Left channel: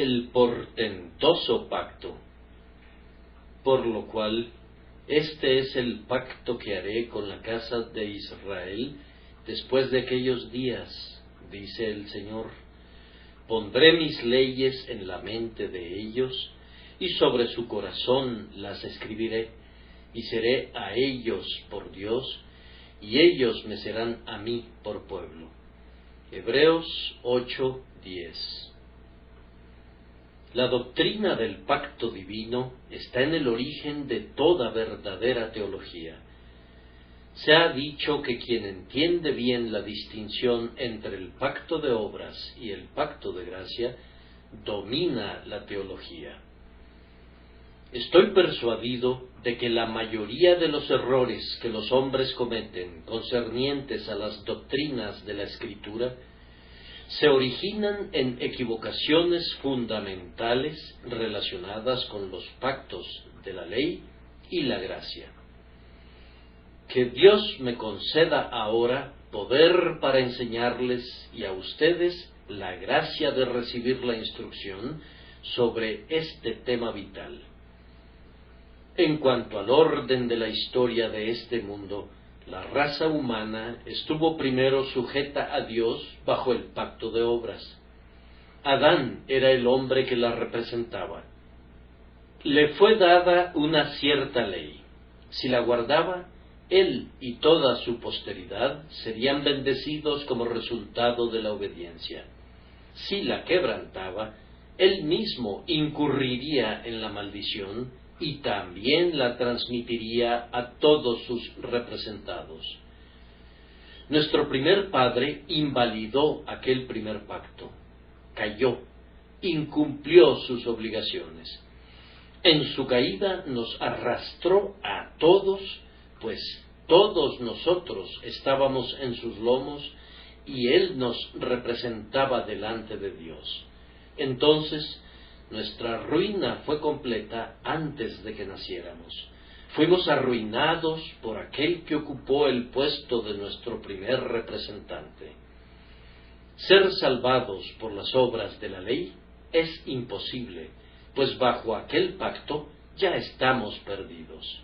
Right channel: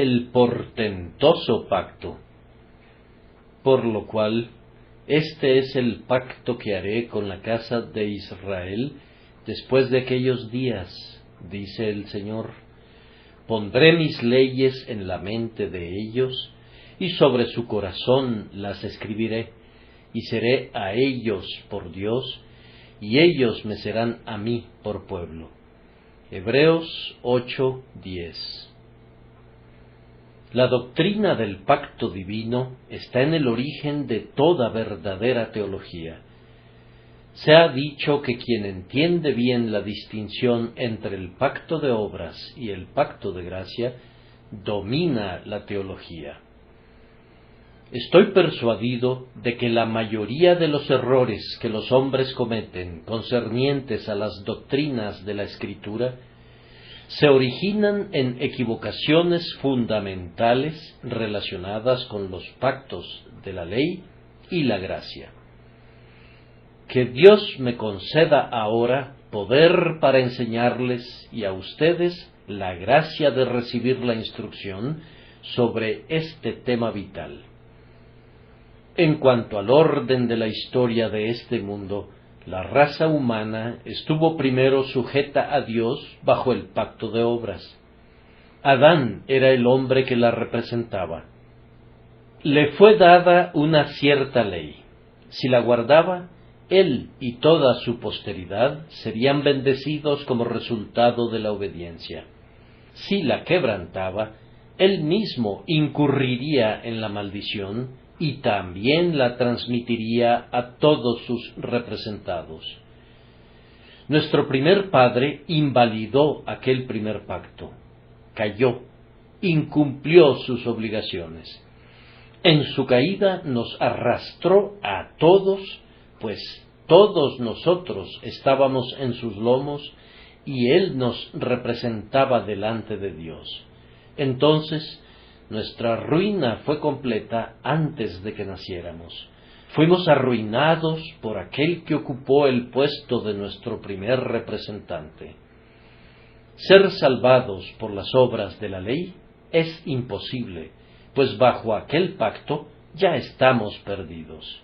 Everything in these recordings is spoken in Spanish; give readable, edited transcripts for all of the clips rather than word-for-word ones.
el portentoso pacto. Por lo cual, este es el pacto que haré con la casa de Israel después de aquellos días, dice el Señor. Pondré mis leyes en la mente de ellos, y sobre su corazón las escribiré, y seré a ellos por Dios, y ellos me serán a mí por pueblo. Hebreos 8:10. La doctrina del pacto divino está en el origen de toda verdadera teología. Se ha dicho que quien entiende bien la distinción entre el pacto de obras y el pacto de gracia, domina la teología. Estoy persuadido de que la mayoría de los errores que los hombres cometen concernientes a las doctrinas de la Escritura se originan en equivocaciones fundamentales relacionadas con los pactos de la ley y la gracia. Que Dios me conceda ahora poder para enseñarles y a ustedes la gracia de recibir la instrucción sobre este tema vital. En cuanto al orden de la historia de este mundo, la raza humana estuvo primero sujeta a Dios bajo el pacto de obras. Adán era el hombre que la representaba. Le fue dada una cierta ley. Si la guardaba, él y toda su posteridad serían bendecidos como resultado de la obediencia. Si la quebrantaba, él mismo incurriría en la maldición y también la transmitiría a todos sus representados. Nuestro primer padre invalidó aquel primer pacto, cayó, incumplió sus obligaciones. En su caída nos arrastró a todos, pues todos nosotros estábamos en sus lomos y él nos representaba delante de Dios. Entonces, nuestra ruina fue completa antes de que naciéramos. Fuimos arruinados por aquel que ocupó el puesto de nuestro primer representante. Ser salvados por las obras de la ley es imposible, pues bajo aquel pacto ya estamos perdidos.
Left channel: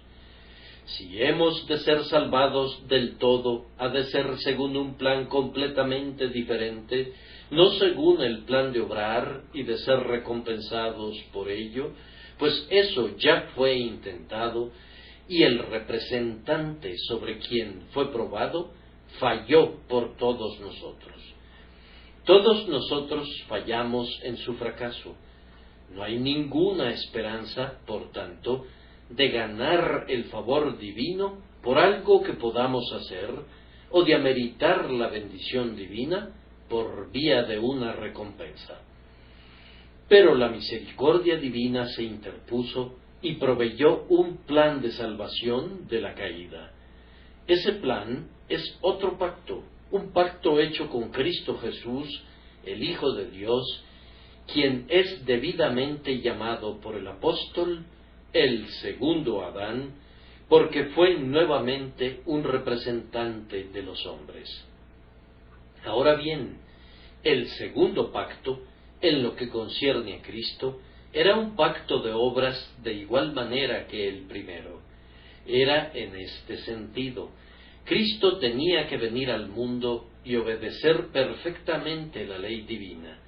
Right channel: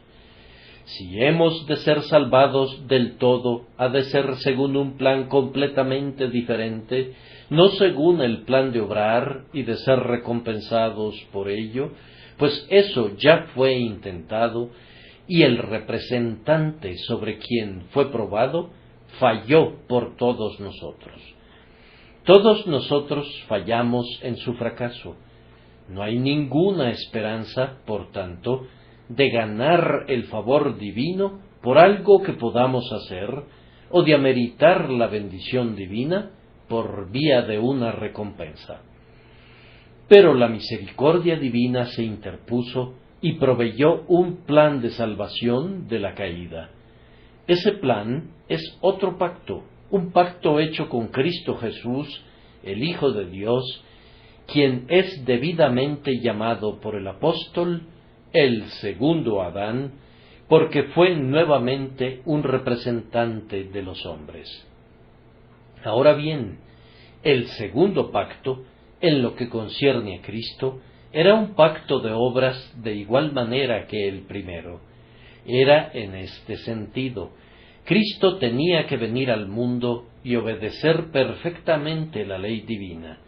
Si hemos de ser salvados del todo, ha de ser según un plan completamente diferente, no según el plan de obrar y de ser recompensados por ello, pues eso ya fue intentado, y el representante sobre quien fue probado falló por todos nosotros. Todos nosotros fallamos en su fracaso. No hay ninguna esperanza, por tanto, de ganar el favor divino por algo que podamos hacer, o de ameritar la bendición divina por vía de una recompensa. Pero la misericordia divina se interpuso y proveyó un plan de salvación de la caída. Ese plan es otro pacto, un pacto hecho con Cristo Jesús, el Hijo de Dios, quien es debidamente llamado por el apóstol el segundo Adán, porque fue nuevamente un representante de los hombres. Ahora bien, el segundo pacto, en lo que concierne a Cristo, era un pacto de obras de igual manera que el primero. Era en este sentido: Cristo tenía que venir al mundo y obedecer perfectamente la ley divina.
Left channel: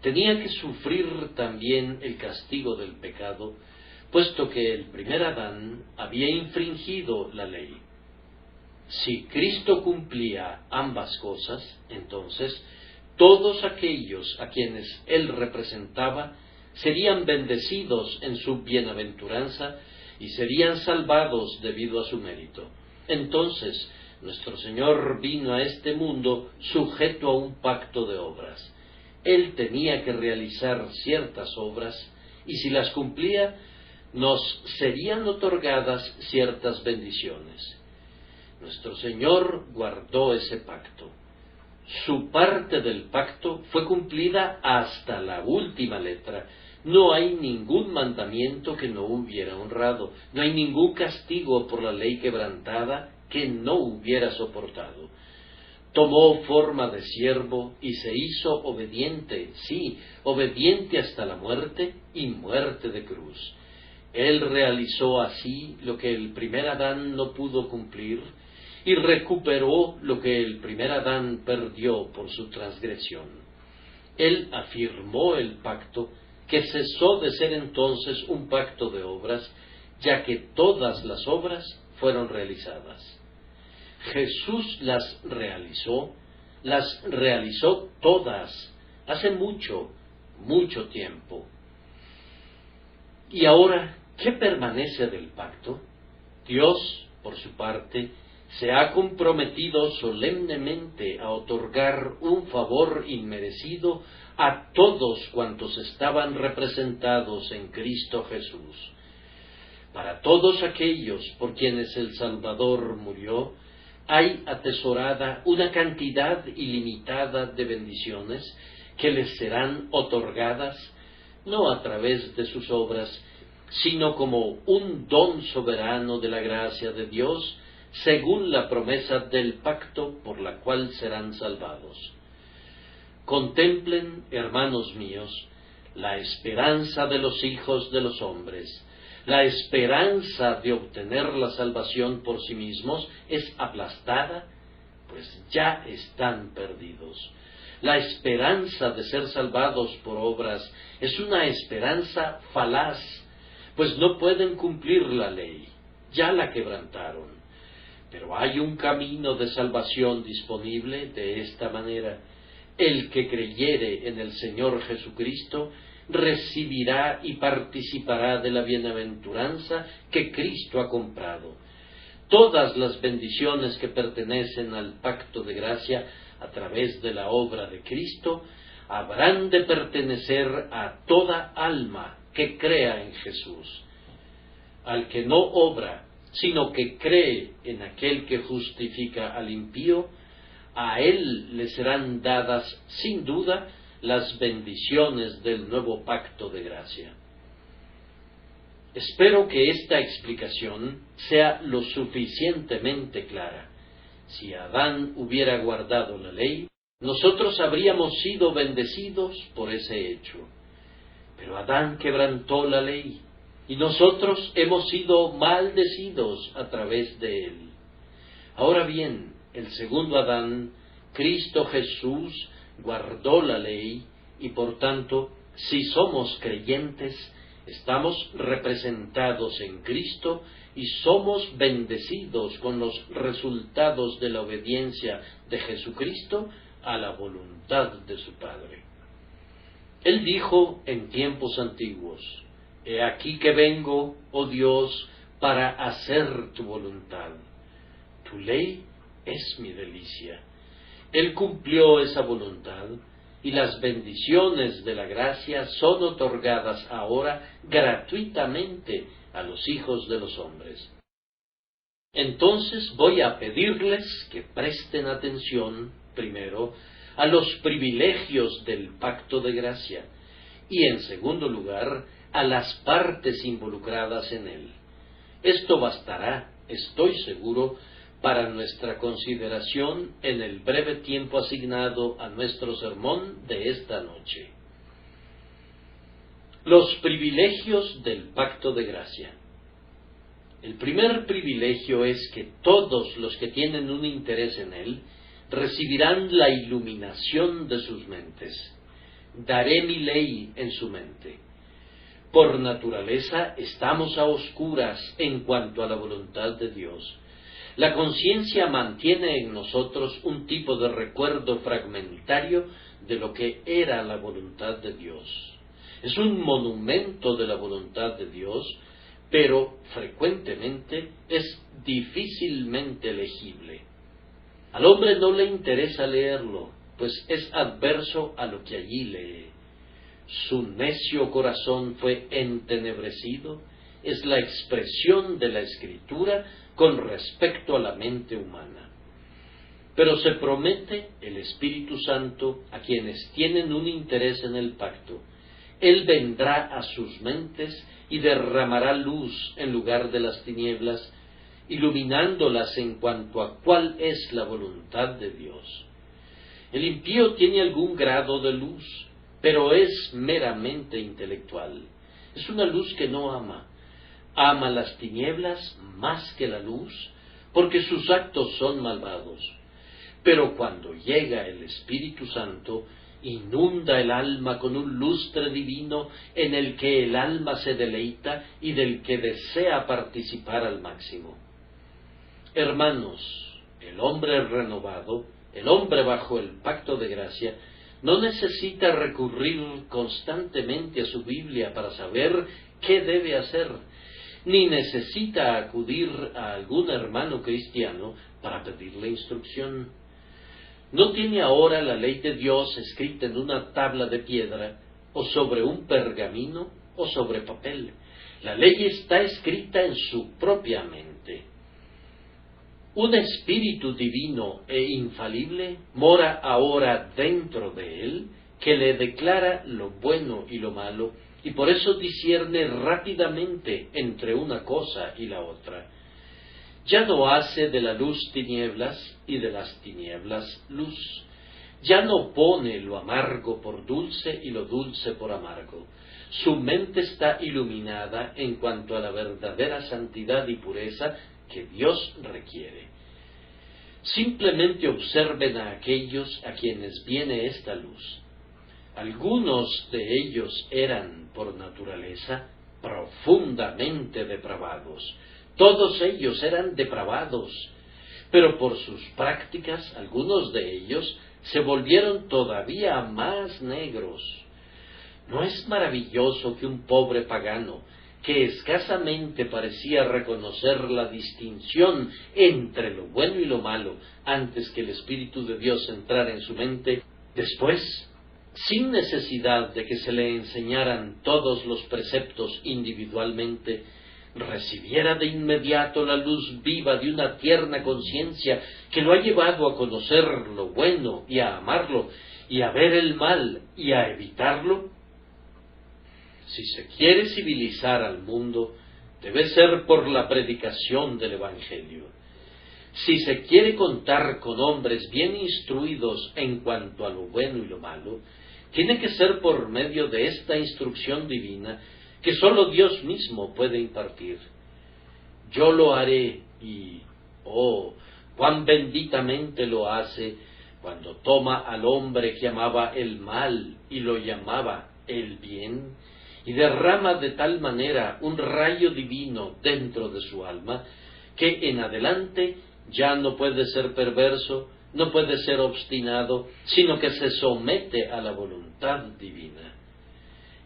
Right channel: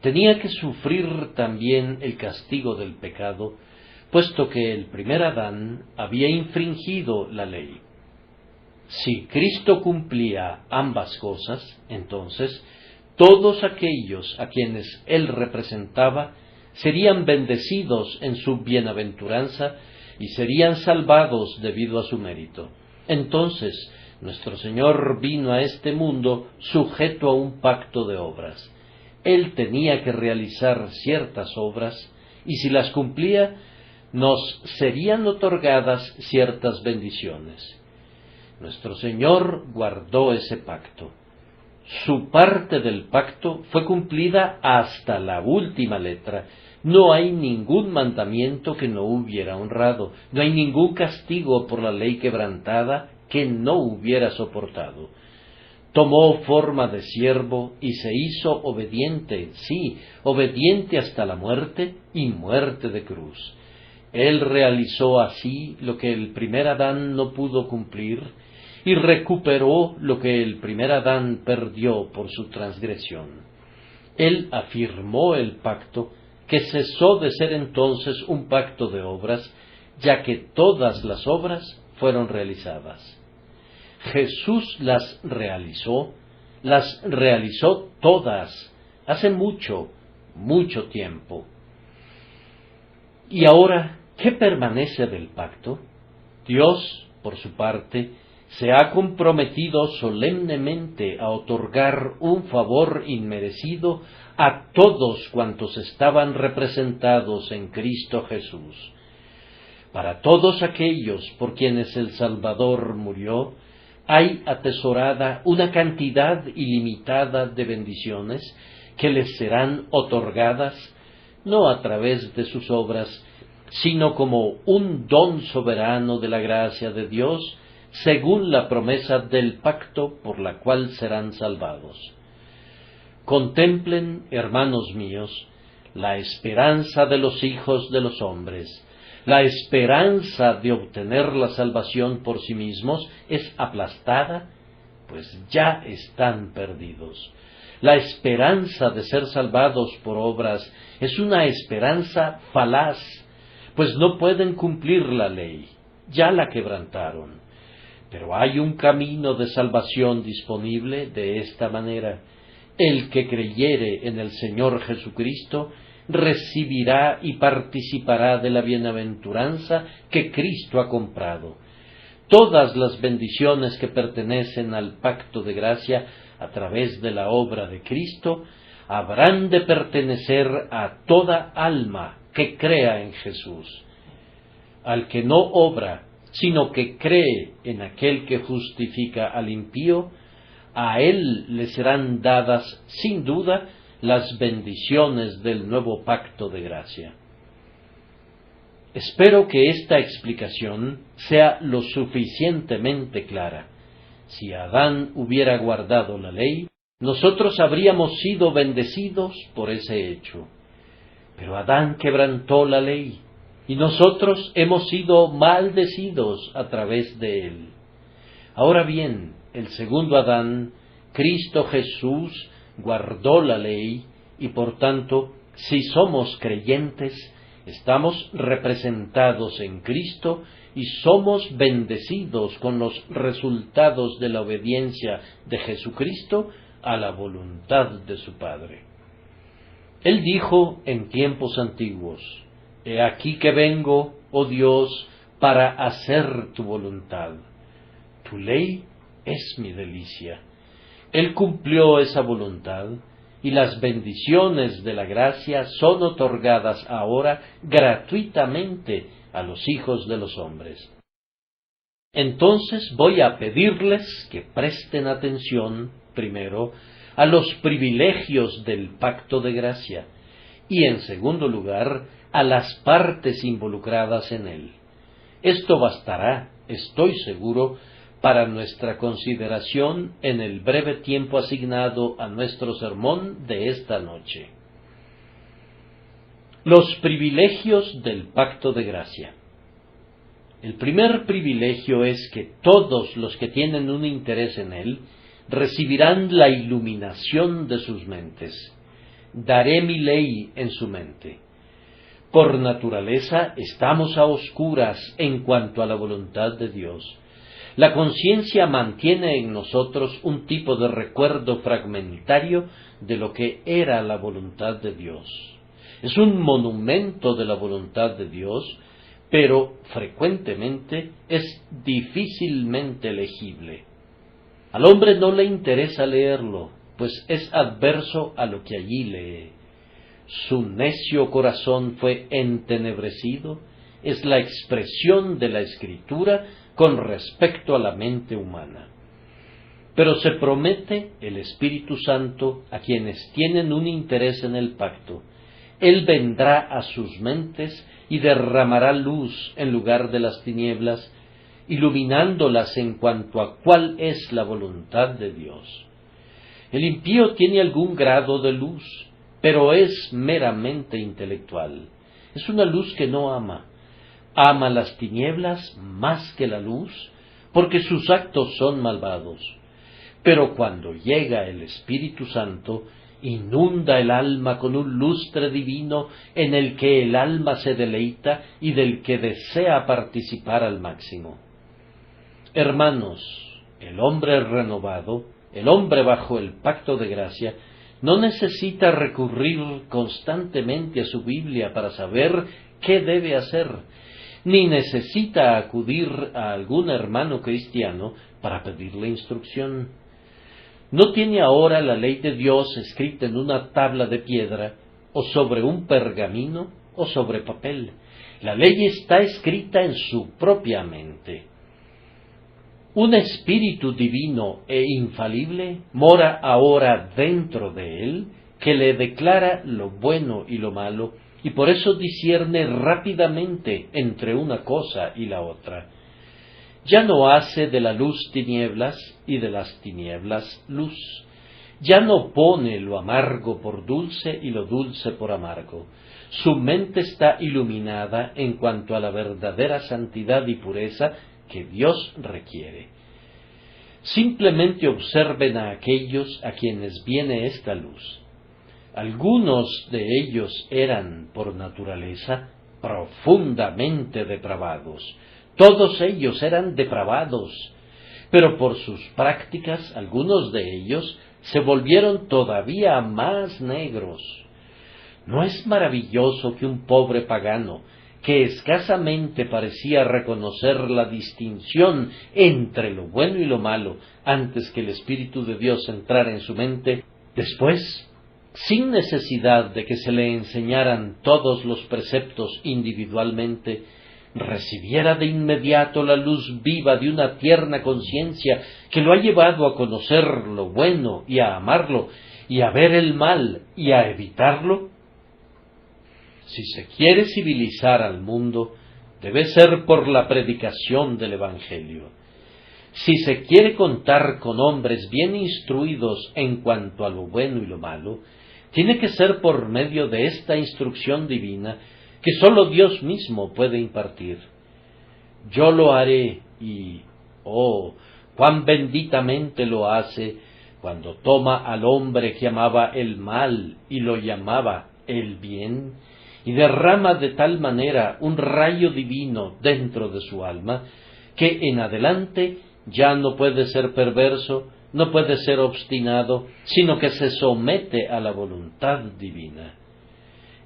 Tenía que sufrir también el castigo del pecado, puesto que el primer Adán había infringido la ley. Si Cristo cumplía ambas cosas, entonces todos aquellos a quienes él representaba serían bendecidos en su bienaventuranza y serían salvados debido a su mérito. Entonces, nuestro Señor vino a este mundo sujeto a un pacto de obras. Él tenía que realizar ciertas obras, y si las cumplía, nos serían otorgadas ciertas bendiciones. Nuestro Señor guardó ese pacto. Su parte del pacto fue cumplida hasta la última letra. No hay ningún mandamiento que no hubiera honrado, no hay ningún castigo por la ley quebrantada que no hubiera soportado. tomó forma de siervo y se hizo obediente, sí, obediente hasta la muerte y muerte de cruz. Él realizó así lo que el primer Adán no pudo cumplir y recuperó lo que el primer Adán perdió por su transgresión. Él afirmó el pacto, que cesó de ser entonces un pacto de obras, ya que todas las obras fueron realizadas. Jesús las realizó todas, hace mucho, mucho tiempo. Y ahora, ¿qué permanece del pacto? Dios, por su parte, se ha comprometido solemnemente a otorgar un favor inmerecido a todos cuantos estaban representados en Cristo Jesús. Para todos aquellos por quienes el Salvador murió, hay atesorada una cantidad ilimitada de bendiciones que les serán otorgadas, no a través de sus obras, sino como un don soberano de la gracia de Dios, según la promesa del pacto por la cual serán salvados. Contemplen, hermanos míos, la esperanza de los hijos de los hombres. La esperanza de obtener la salvación por sí mismos es aplastada, pues ya están perdidos. La esperanza de ser salvados por obras es una esperanza falaz, pues no pueden cumplir la ley, ya la quebrantaron. Pero hay un camino de salvación disponible de esta manera. El que creyere en el Señor Jesucristo recibirá y participará de la bienaventuranza que Cristo ha comprado. Todas las bendiciones que pertenecen al pacto de gracia a través de la obra de Cristo habrán de pertenecer a toda alma que crea en Jesús. Al que no obra, sino que cree en aquel que justifica al impío, a él le serán dadas, sin duda, las bendiciones del nuevo pacto de gracia. Espero que esta explicación sea lo suficientemente clara. Si Adán hubiera guardado la ley, nosotros habríamos sido bendecidos por ese hecho. Pero Adán quebrantó la ley, y nosotros hemos sido maldecidos a través de él. Ahora bien, el segundo Adán, Cristo Jesús, guardó la ley, y por tanto, si somos creyentes, estamos representados en Cristo y somos bendecidos con los resultados de la obediencia de Jesucristo a la voluntad de su Padre. Él dijo en tiempos antiguos: «He aquí que vengo, oh Dios, para hacer tu voluntad. Tu ley es mi delicia». Él cumplió esa voluntad, y las bendiciones de la gracia son otorgadas ahora gratuitamente a los hijos de los hombres. Entonces voy a pedirles que presten atención, primero, a los privilegios del pacto de gracia, y en segundo lugar, a las partes involucradas en él. Esto bastará, estoy seguro, para nuestra consideración en el breve tiempo asignado a nuestro sermón de esta noche. Los privilegios del pacto de gracia. El primer privilegio es que todos los que tienen un interés en él recibirán la iluminación de sus mentes. Daré mi ley en su mente. Por naturaleza estamos a oscuras en cuanto a la voluntad de Dios. La conciencia mantiene en nosotros un tipo de recuerdo fragmentario de lo que era la voluntad de Dios. Es un monumento de la voluntad de Dios, pero frecuentemente es difícilmente legible. Al hombre no le interesa leerlo, pues es adverso a lo que allí lee. Su necio corazón fue entenebrecido, es la expresión de la Escritura con respecto a la mente humana. Pero se promete el Espíritu Santo a quienes tienen un interés en el pacto. Él vendrá a sus mentes y derramará luz en lugar de las tinieblas, iluminándolas en cuanto a cuál es la voluntad de Dios. El impío tiene algún grado de luz, pero es meramente intelectual. Es una luz que no ama. Ama las tinieblas más que la luz, porque sus actos son malvados. Pero cuando llega el Espíritu Santo, inunda el alma con un lustre divino en el que el alma se deleita y del que desea participar al máximo. Hermanos, el hombre renovado, el hombre bajo el pacto de gracia, no necesita recurrir constantemente a su Biblia para saber qué debe hacer, ni necesita acudir a algún hermano cristiano para pedirle instrucción. No tiene ahora la ley de Dios escrita en una tabla de piedra, o sobre un pergamino, o sobre papel. La ley está escrita en su propia mente. Un espíritu divino e infalible mora ahora dentro de él, que le declara lo bueno y lo malo, y por eso discierne rápidamente entre una cosa y la otra. Ya no hace de la luz tinieblas y de las tinieblas luz. Ya no pone lo amargo por dulce y lo dulce por amargo. Su mente está iluminada en cuanto a la verdadera santidad y pureza que Dios requiere. Simplemente observen a aquellos a quienes viene esta luz. Algunos de ellos eran, por naturaleza, profundamente depravados. Todos ellos eran depravados, pero por sus prácticas algunos de ellos se volvieron todavía más negros. ¿No es maravilloso que un pobre pagano, que escasamente parecía reconocer la distinción entre lo bueno y lo malo antes que el Espíritu de Dios entrara en su mente, después, sin necesidad de que se le enseñaran todos los preceptos individualmente, recibiera de inmediato la luz viva de una tierna conciencia que lo ha llevado a conocer lo bueno y a amarlo, y a ver el mal y a evitarlo? Si se quiere civilizar al mundo, debe ser por la predicación del Evangelio. Si se quiere contar con hombres bien instruidos en cuanto a lo bueno y lo malo, tiene que ser por medio de esta instrucción divina que sólo Dios mismo puede impartir. Yo lo haré y, oh, cuán benditamente lo hace cuando toma al hombre que amaba el mal y lo llamaba el bien, y derrama de tal manera un rayo divino dentro de su alma, que en adelante ya no puede ser perverso, no puede ser obstinado, sino que se somete a la voluntad divina.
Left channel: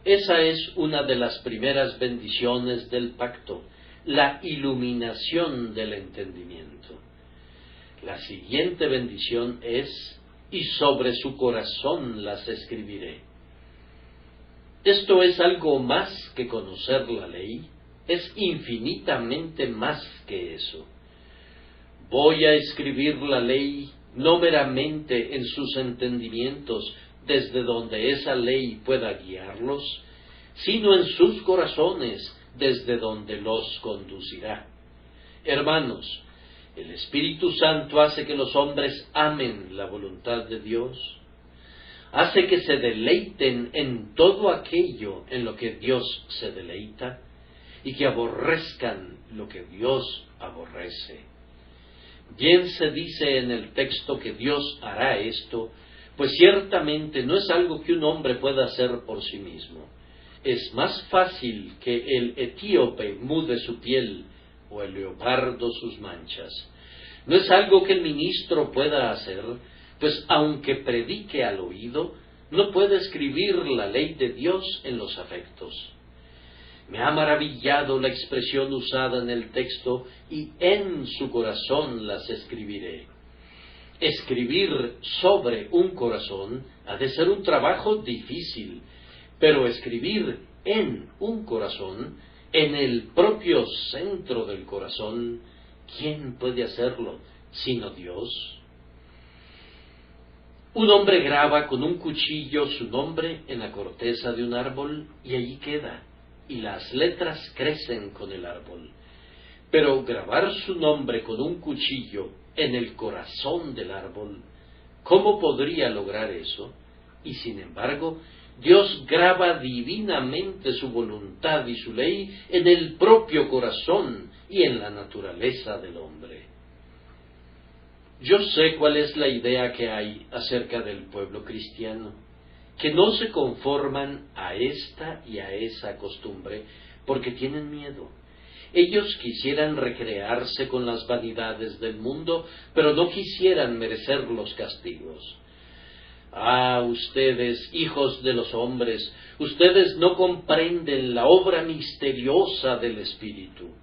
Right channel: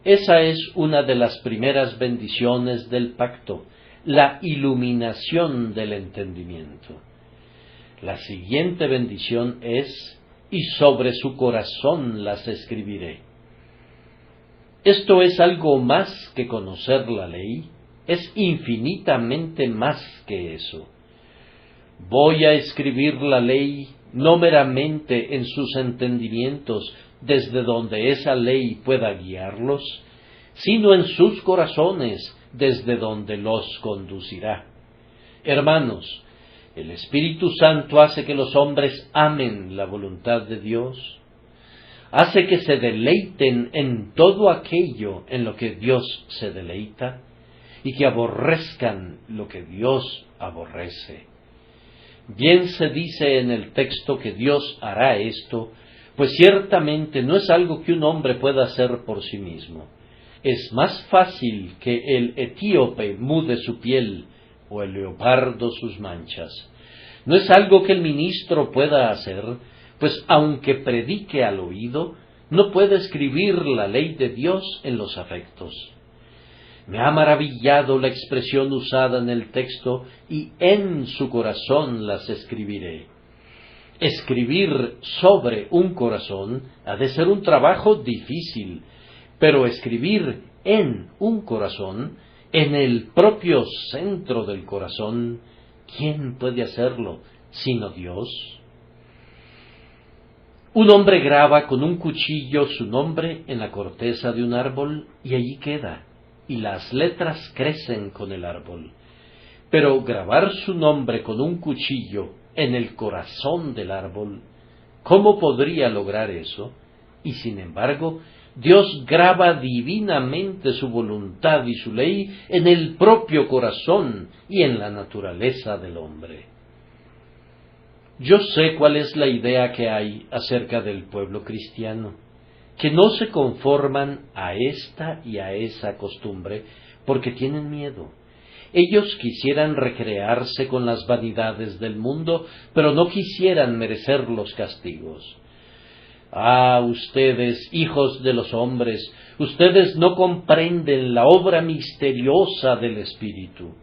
Esa es una de las primeras bendiciones del pacto, la iluminación del entendimiento. La siguiente bendición es, y sobre su corazón las escribiré. Esto es algo más que conocer la ley, es infinitamente más que eso. Voy a escribir la ley no meramente en sus entendimientos, desde donde esa ley pueda guiarlos, sino en sus corazones, desde donde los conducirá. Hermanos, el Espíritu Santo hace que los hombres amen la voluntad de Dios, hace que se deleiten en todo aquello en lo que Dios se deleita, y que aborrezcan lo que Dios aborrece. Bien se dice en el texto que Dios hará esto, pues ciertamente no es algo que un hombre pueda hacer por sí mismo. Es más fácil que el etíope mude su piel o el leopardo sus manchas. No es algo que el ministro pueda hacer, pues aunque predique al oído, no puede escribir la ley de Dios en los afectos. Me ha maravillado la expresión usada en el texto, y en su corazón las escribiré. Escribir sobre un corazón ha de ser un trabajo difícil, pero escribir en un corazón, en el propio centro del corazón, ¿quién puede hacerlo sino Dios? Un hombre graba con un cuchillo su nombre en la corteza de un árbol y allí queda, y las letras crecen con el árbol. Pero grabar su nombre con un cuchillo en el corazón del árbol, ¿cómo podría lograr eso? Y sin embargo, Dios graba divinamente su voluntad y su ley en el propio corazón y en la naturaleza del hombre. Yo sé cuál es la idea que hay acerca del pueblo cristiano, que no se conforman a esta y a esa costumbre porque tienen miedo. Ellos quisieran recrearse con las vanidades del mundo, pero no quisieran merecer los castigos. Ah, ustedes, hijos de los hombres, ustedes no comprenden la obra misteriosa del Espíritu.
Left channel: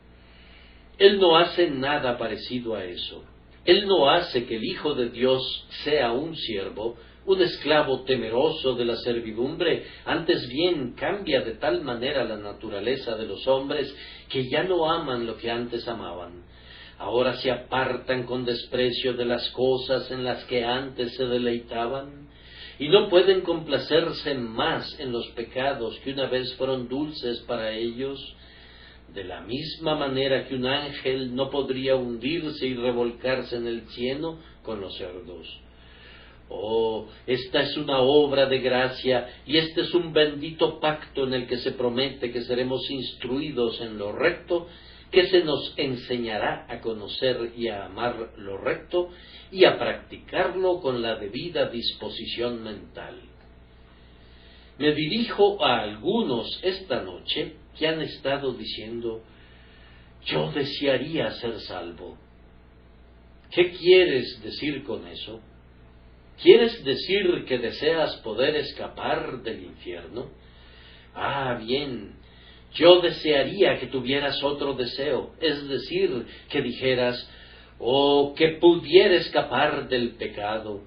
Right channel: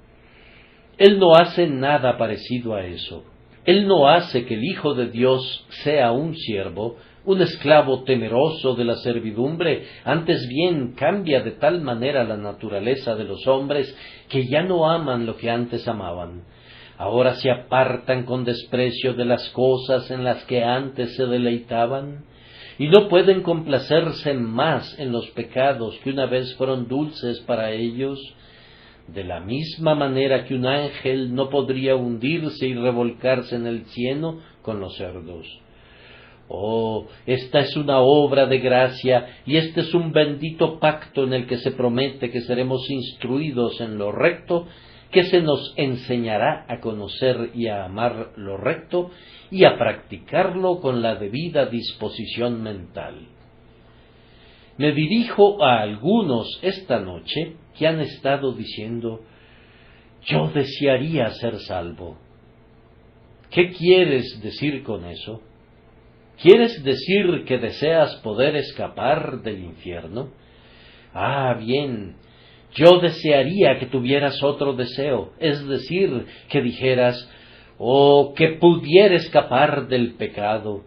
Él no hace nada parecido a eso. Él no hace que el Hijo de Dios sea un siervo, un esclavo temeroso de la servidumbre, antes bien cambia de tal manera la naturaleza de los hombres que ya no aman lo que antes amaban. Ahora se apartan con desprecio de las cosas en las que antes se deleitaban, y no pueden complacerse más en los pecados que una vez fueron dulces para ellos, de la misma manera que un ángel no podría hundirse y revolcarse en el cieno con los cerdos. Oh, esta es una obra de gracia, y este es un bendito pacto en el que se promete que seremos instruidos en lo recto, que se nos enseñará a conocer y a amar lo recto, y a practicarlo con la debida disposición mental. Me dirijo a algunos esta noche que han estado diciendo: yo desearía ser salvo. ¿Qué quieres decir con eso? ¿Quieres decir que deseas poder escapar del infierno? Ah, bien, yo desearía que tuvieras otro deseo, es decir, que dijeras: oh, que pudiera escapar del pecado,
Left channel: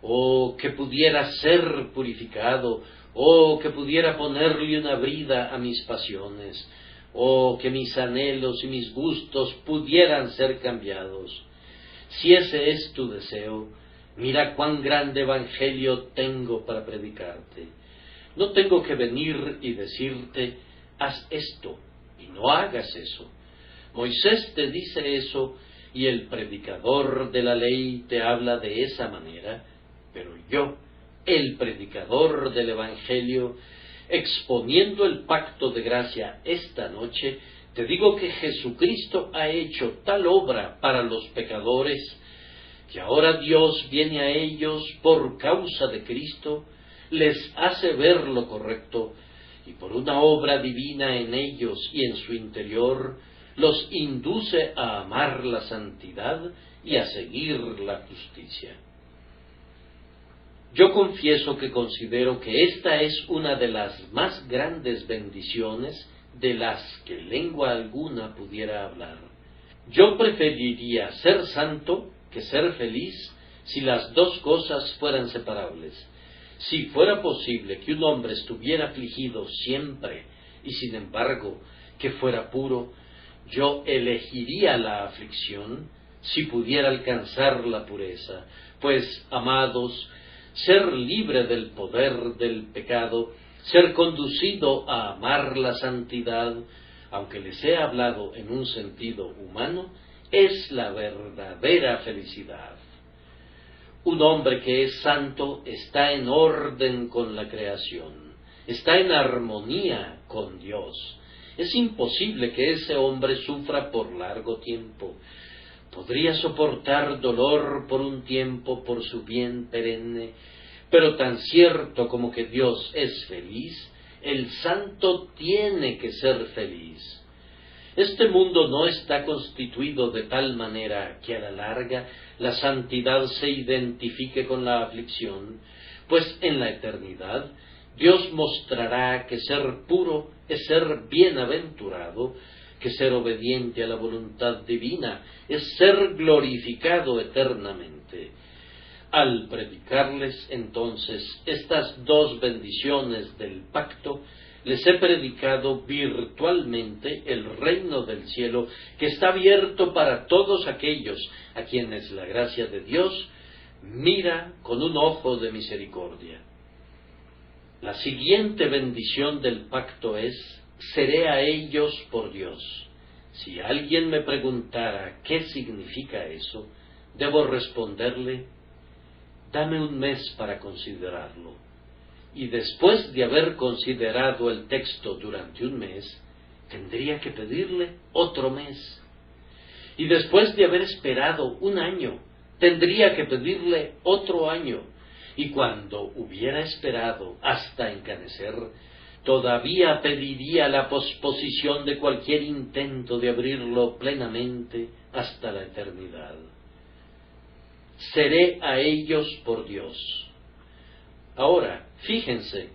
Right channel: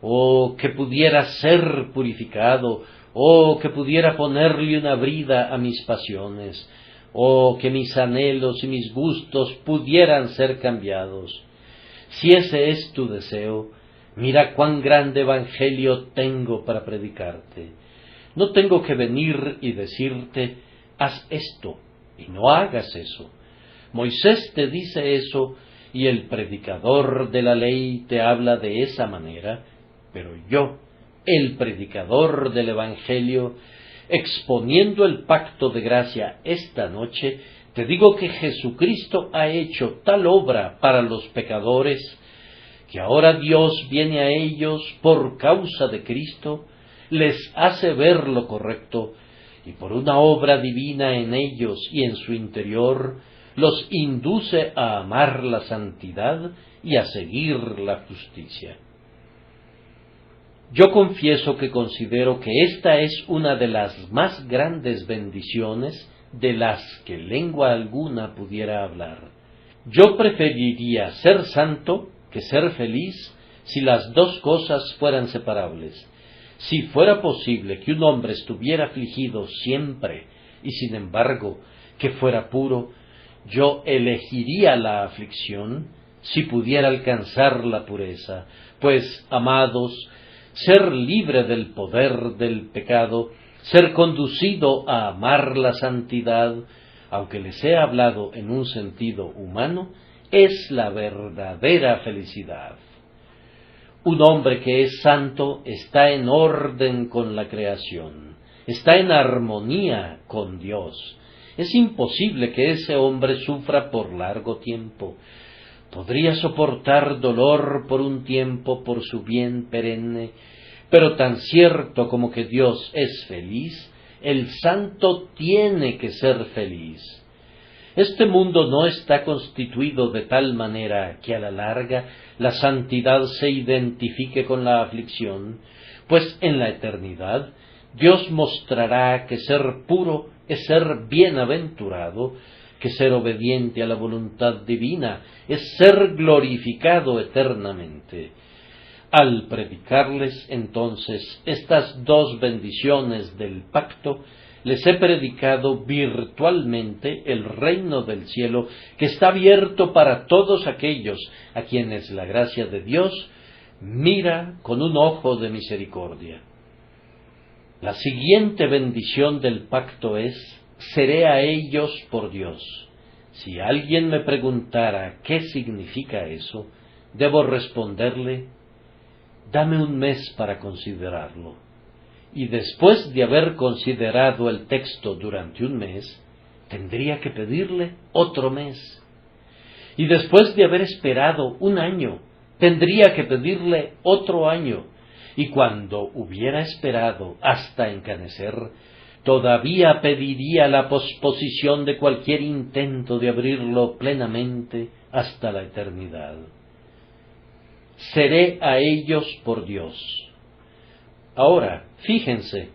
oh, que pudiera ser purificado, oh, que pudiera ponerle una brida a mis pasiones, oh, que mis anhelos y mis gustos pudieran ser cambiados. Si ese es tu deseo, mira cuán grande evangelio tengo para predicarte. No tengo que venir y decirte: haz esto, y no hagas eso. Moisés te dice eso, y el predicador de la ley te habla de esa manera, pero yo, el predicador del evangelio, exponiendo el pacto de gracia esta noche, te digo que Jesucristo ha hecho tal obra para los pecadores, que ahora Dios viene a ellos por causa de Cristo, les hace ver lo correcto, y por una obra divina en ellos y en su interior, los induce a amar la santidad y a seguir la justicia. Yo confieso que considero que esta es una de las más grandes bendiciones de las que lengua alguna pudiera hablar. Yo preferiría ser santo que ser feliz si las dos cosas fueran separables. Si fuera posible que un hombre estuviera afligido siempre y sin embargo que fuera puro, yo elegiría la aflicción si pudiera alcanzar la pureza, pues, amados, ser libre del poder del pecado, ser conducido a amar la santidad, aunque les he hablado en un sentido humano, es la verdadera felicidad. Un hombre que es santo está en orden con la creación, está en armonía con Dios. Es imposible que ese hombre sufra por largo tiempo. Podría soportar dolor por un tiempo por su bien perenne, pero tan cierto como que Dios es feliz, el santo tiene que ser feliz. Este mundo no está constituido de tal manera que a la larga la santidad se identifique con la aflicción, pues en la eternidad Dios mostrará que ser puro es ser bienaventurado, que ser obediente a la voluntad divina es ser glorificado eternamente. Al predicarles entonces estas dos bendiciones del pacto, les he predicado virtualmente el reino del cielo, que está abierto para todos aquellos a quienes la gracia de Dios mira con un ojo de misericordia. La siguiente bendición del pacto es: seré a ellos por Dios. Si alguien me preguntara qué significa eso, debo responderle: dame un mes para considerarlo. Y después de haber considerado el texto durante un mes, tendría que pedirle otro mes. Y después de haber esperado un año, tendría que pedirle otro año. Y cuando hubiera esperado hasta encanecer, todavía pediría la posposición de cualquier intento de abrirlo plenamente hasta la eternidad. Seré a ellos por Dios. Ahora, fíjense,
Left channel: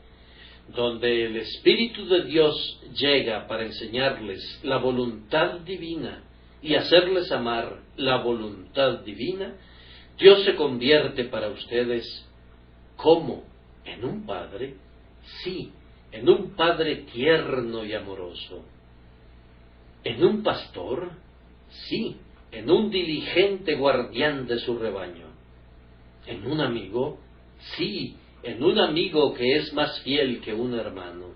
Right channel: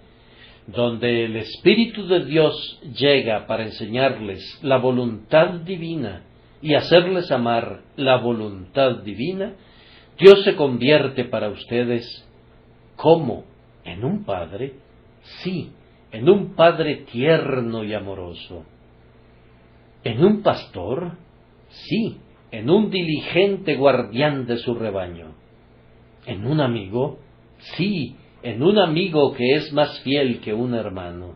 donde el Espíritu de Dios llega para enseñarles la voluntad divina y hacerles amar la voluntad divina, Dios se convierte para ustedes, ¿cómo? ¿En un Padre? Sí, en un Padre tierno y amoroso. ¿En un pastor? Sí, en un diligente guardián de su rebaño. ¿En un amigo? Sí, en un amigo que es más fiel que un hermano.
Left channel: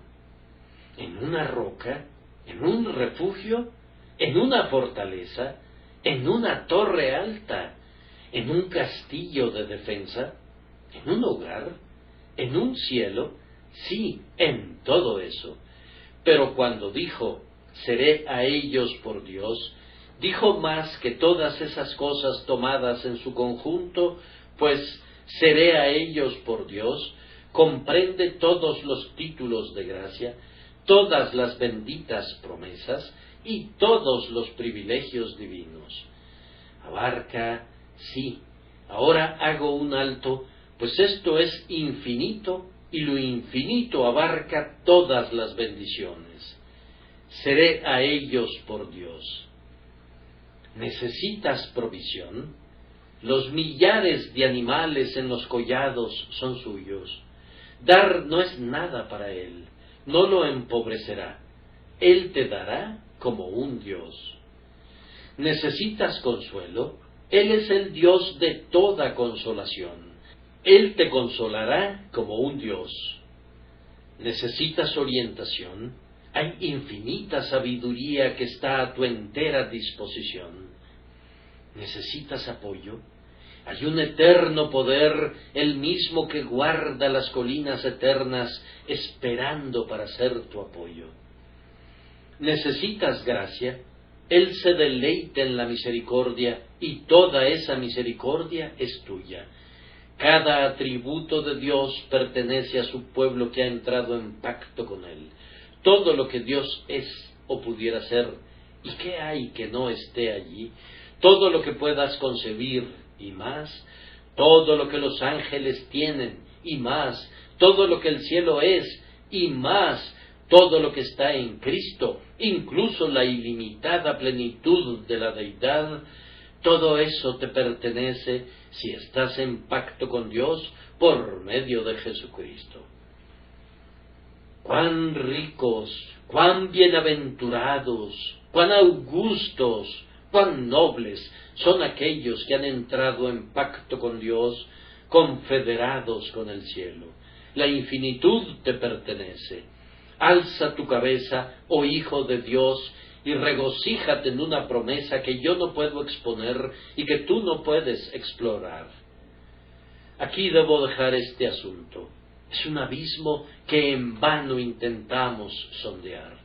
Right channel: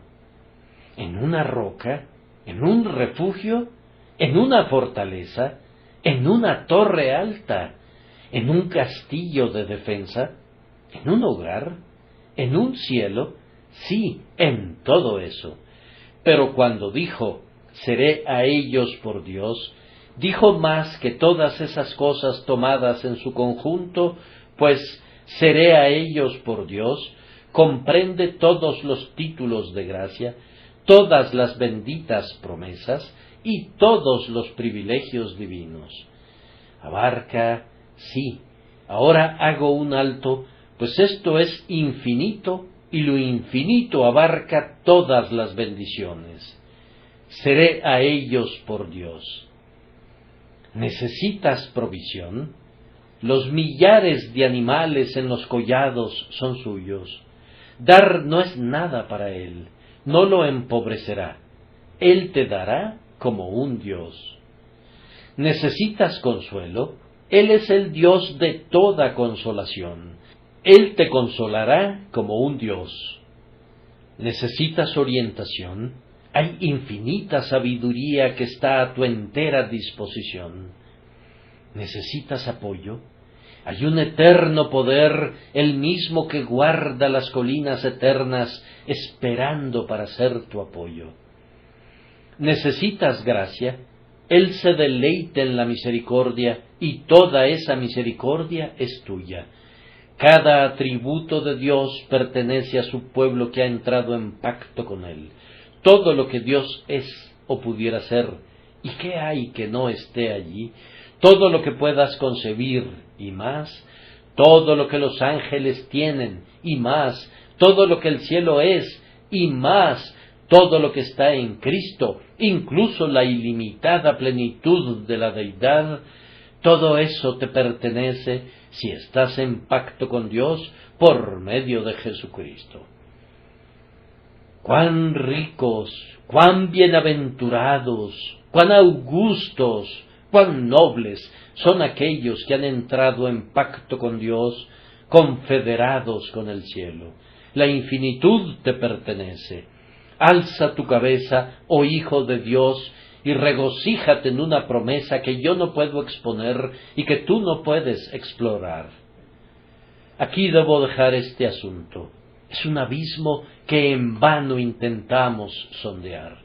¿En una roca? ¿En un refugio? ¿En una fortaleza? ¿En una torre alta? ¿En un castillo de defensa? ¿En un hogar? ¿En un cielo? Sí, en todo eso. Pero cuando dijo, seré a ellos por Dios, dijo más que todas esas cosas tomadas en su conjunto, pues seré a ellos por Dios comprende todos los títulos de gracia, todas las benditas promesas y todos los privilegios divinos. Abarca, sí, ahora hago un alto, pues esto es infinito y lo infinito abarca todas las bendiciones. Seré a ellos por Dios. ¿Necesitas provisión? Los millares de animales en los collados son suyos. Dar no es nada para él, no lo empobrecerá. Él te dará como un Dios. ¿Necesitas consuelo? Él es el Dios de toda consolación. Él te consolará como un Dios. ¿Necesitas orientación? Hay infinita sabiduría que está a tu entera disposición. ¿Necesitas apoyo? Hay un eterno poder, el mismo que guarda las colinas eternas, esperando para ser tu apoyo. ¿Necesitas gracia? Él se deleita en la misericordia, y toda esa misericordia es tuya. Cada atributo de Dios pertenece a su pueblo que ha entrado en pacto con Él. Todo lo que Dios es o pudiera ser, ¿y qué hay que no esté allí? Todo lo que puedas concebir y más, todo lo que los ángeles tienen y más, todo lo que el cielo es y más, todo lo que está en Cristo, incluso la ilimitada plenitud de la deidad, todo eso te pertenece si estás en pacto con Dios por medio de Jesucristo. Cuán ricos, cuán bienaventurados, cuán augustos, cuán nobles son aquellos que han entrado en pacto con Dios, confederados con el cielo. La infinitud te pertenece. Alza tu cabeza, oh Hijo de Dios, y regocíjate en una promesa que yo no puedo exponer y que tú no puedes explorar. Aquí debo dejar este asunto. Es un abismo que en vano intentamos sondear.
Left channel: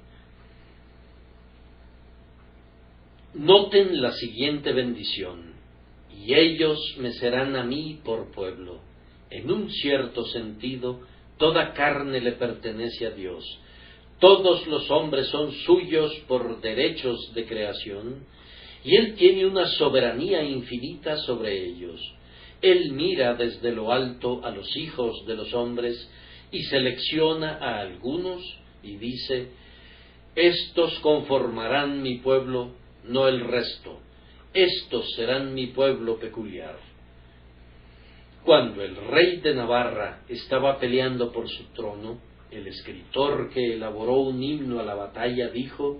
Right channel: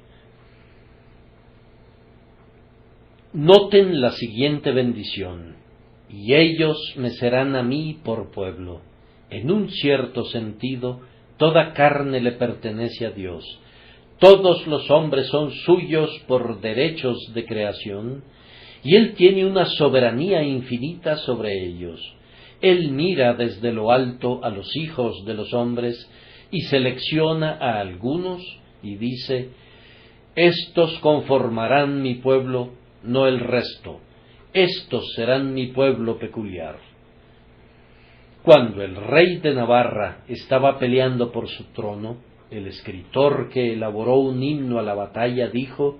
Noten la siguiente bendición: y ellos me serán a mí por pueblo. En un cierto sentido, toda carne le pertenece a Dios. Todos los hombres son suyos por derechos de creación, y Él tiene una soberanía infinita sobre ellos. Él mira desde lo alto a los hijos de los hombres y selecciona a algunos y dice: estos conformarán mi pueblo, no el resto. Estos serán mi pueblo peculiar. Cuando el rey de Navarra estaba peleando por su trono, el escritor que elaboró un himno a la batalla dijo:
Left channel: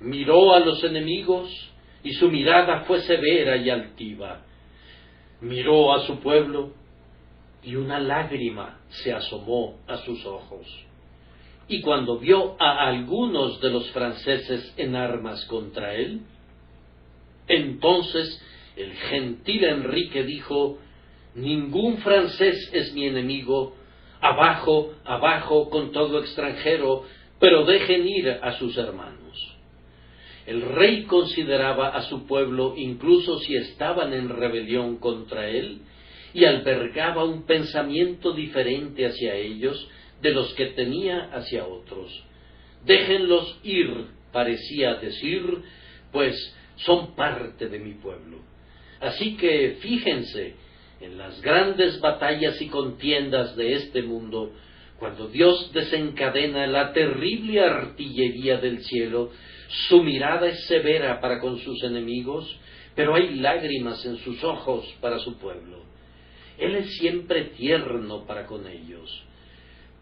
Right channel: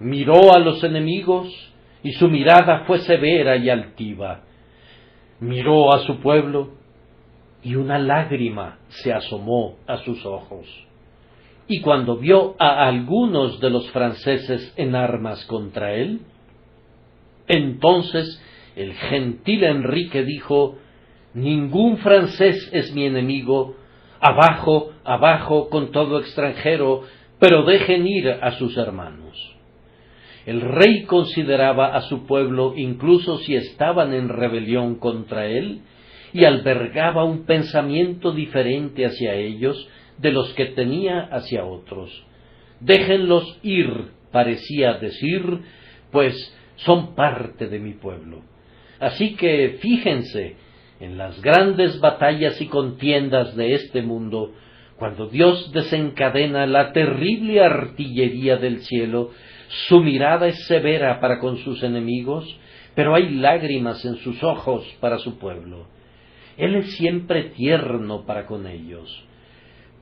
miró a los enemigos y su mirada fue severa y altiva. Miró a su pueblo y una lágrima se asomó a sus ojos. y cuando vio a algunos de los franceses en armas contra él, entonces el gentil Enrique dijo: «Ningún francés es mi enemigo, abajo, abajo con todo extranjero, pero dejen ir a sus hermanos». El rey consideraba a su pueblo incluso si estaban en rebelión contra él, y albergaba un pensamiento diferente hacia ellos de los que tenía hacia otros. «Déjenlos ir», parecía decir, «pues son parte de mi pueblo». Así que fíjense, en las grandes batallas y contiendas de este mundo, cuando Dios desencadena la terrible artillería del cielo, su mirada es severa para con sus enemigos, pero hay lágrimas en sus ojos para su pueblo. Él es siempre tierno para con ellos.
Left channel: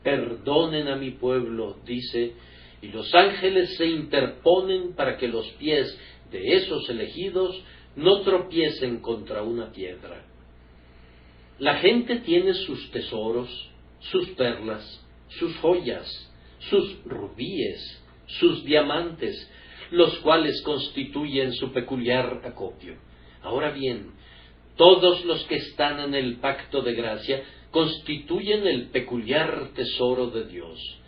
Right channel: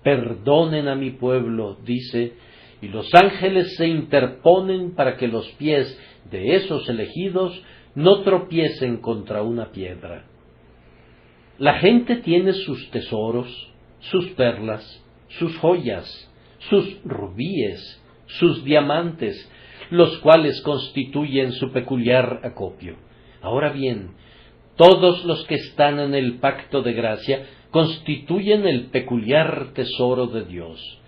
«Perdonen a mi pueblo», dice, y los ángeles se interponen para que los pies de esos elegidos no tropiecen contra una piedra. La gente tiene sus tesoros, sus perlas, sus joyas, sus rubíes, sus diamantes, los cuales constituyen su peculiar acopio. Ahora bien, todos los que están en el pacto de gracia constituyen el peculiar tesoro de Dios.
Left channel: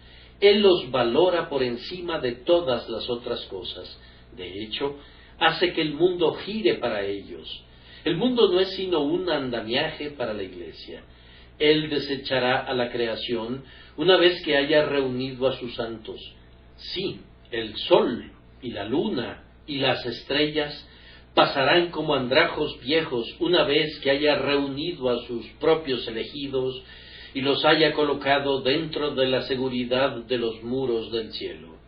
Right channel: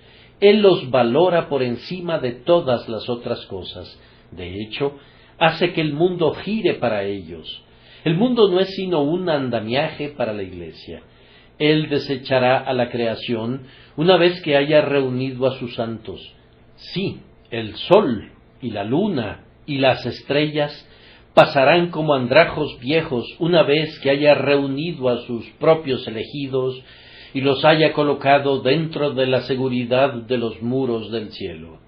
Él los valora por encima de todas las otras cosas. De hecho, hace que el mundo gire para ellos. El mundo no es sino un andamiaje para la Iglesia. Él desechará a la creación una vez que haya reunido a sus santos. Sí, el sol y la luna y las estrellas pasarán como andrajos viejos una vez que haya reunido a sus propios elegidos y los haya colocado dentro de la seguridad de los muros del cielo.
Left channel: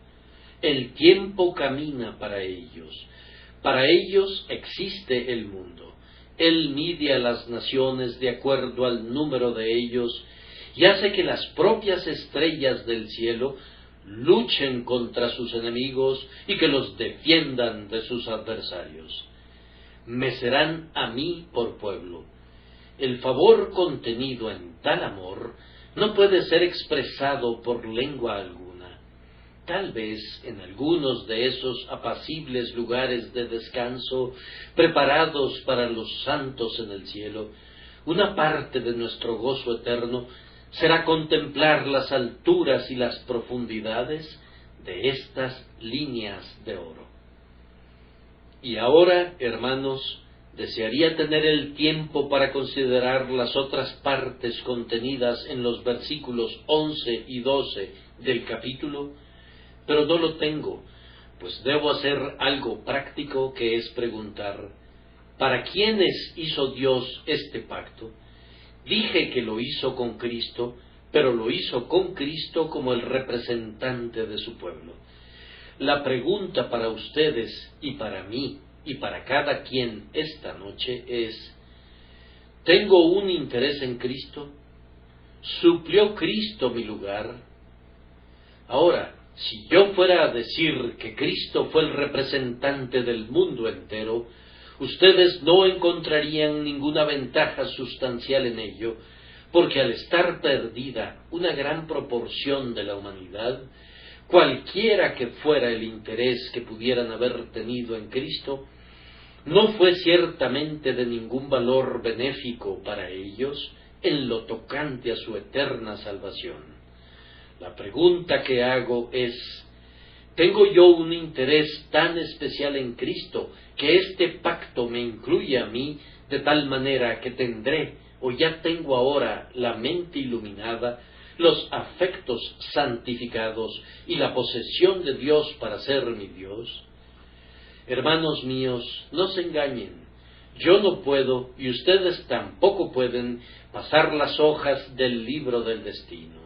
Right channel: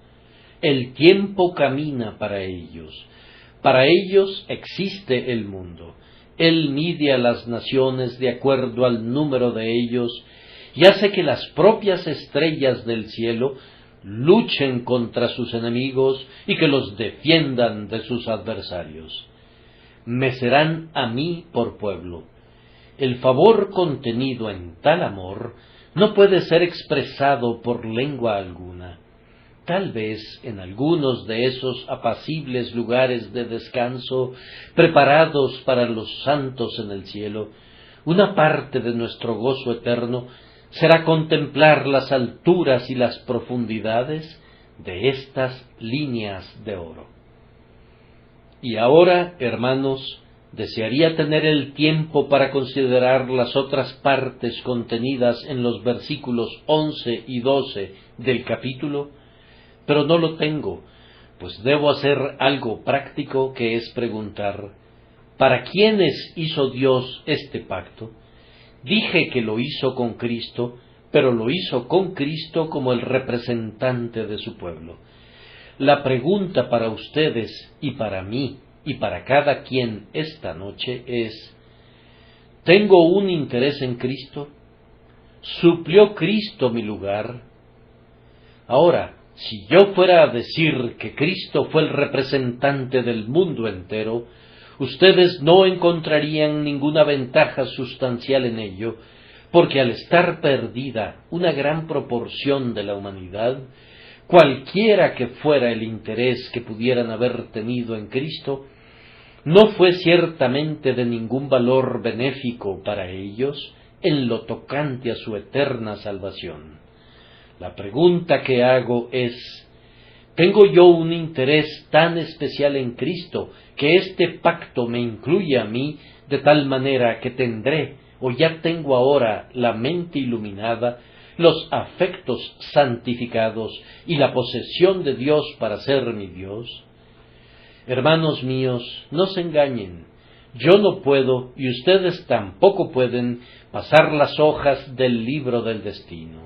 El tiempo camina para ellos. Para ellos existe el mundo. Él mide a las naciones de acuerdo al número de ellos y hace que las propias estrellas del cielo luchen contra sus enemigos y que los defiendan de sus adversarios. Me serán a mí por pueblo. El favor contenido en tal amor no puede ser expresado por lengua alguna. Tal vez en algunos de esos apacibles lugares de descanso preparados para los santos en el cielo, una parte de nuestro gozo eterno será contemplar las alturas y las profundidades de estas líneas de oro. Y ahora, hermanos, desearía tener el tiempo para considerar las otras partes contenidas en los versículos 11 y 12 del capítulo, pero no lo tengo, pues debo hacer algo práctico, que es preguntar: ¿para quiénes hizo Dios este pacto? Dije que lo hizo con Cristo, pero lo hizo con Cristo como el representante de su pueblo. La pregunta para ustedes y para mí y para cada quien esta noche es: ¿tengo un interés en Cristo? ¿Suplió Cristo mi lugar? Ahora, si yo fuera a decir que Cristo fue el representante del mundo entero, ustedes no encontrarían ninguna ventaja sustancial en ello, porque al estar perdida una gran proporción de la humanidad, cualquiera que fuera el interés que pudieran haber tenido en Cristo, no fue ciertamente de ningún valor benéfico para ellos en lo tocante a su eterna salvación. La pregunta que hago es: ¿tengo yo un interés tan especial en Cristo que este pacto me incluye a mí de tal manera que tendré, o ya tengo ahora, la mente iluminada, los afectos santificados y la posesión de Dios para ser mi Dios? Hermanos míos, no se engañen. Yo no puedo, y ustedes tampoco pueden, pasar las hojas del libro del destino.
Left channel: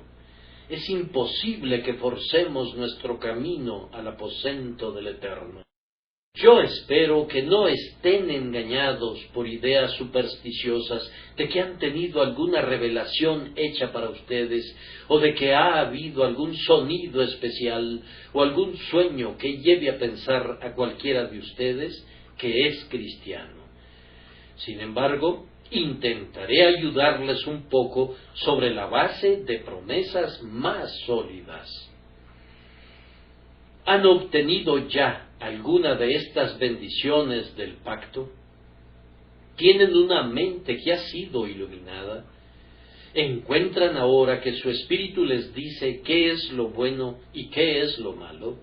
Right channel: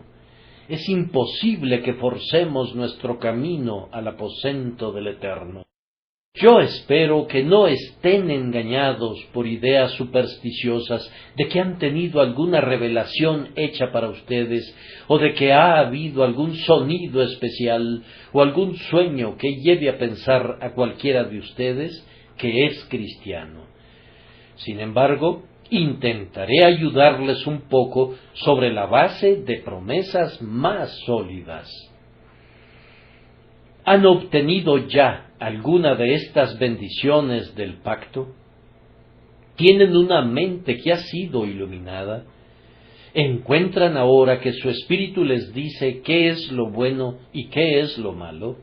Es imposible que forcemos nuestro camino al aposento del Eterno. Yo espero que no estén engañados por ideas supersticiosas de que han tenido alguna revelación hecha para ustedes, o de que ha habido algún sonido especial o algún sueño que lleve a pensar a cualquiera de ustedes que es cristiano. Sin embargo, intentaré ayudarles un poco sobre la base de promesas más sólidas. ¿Han obtenido ya alguna de estas bendiciones del pacto? ¿Tienen una mente que ha sido iluminada? ¿Encuentran ahora que su espíritu les dice qué es lo bueno y qué es lo malo?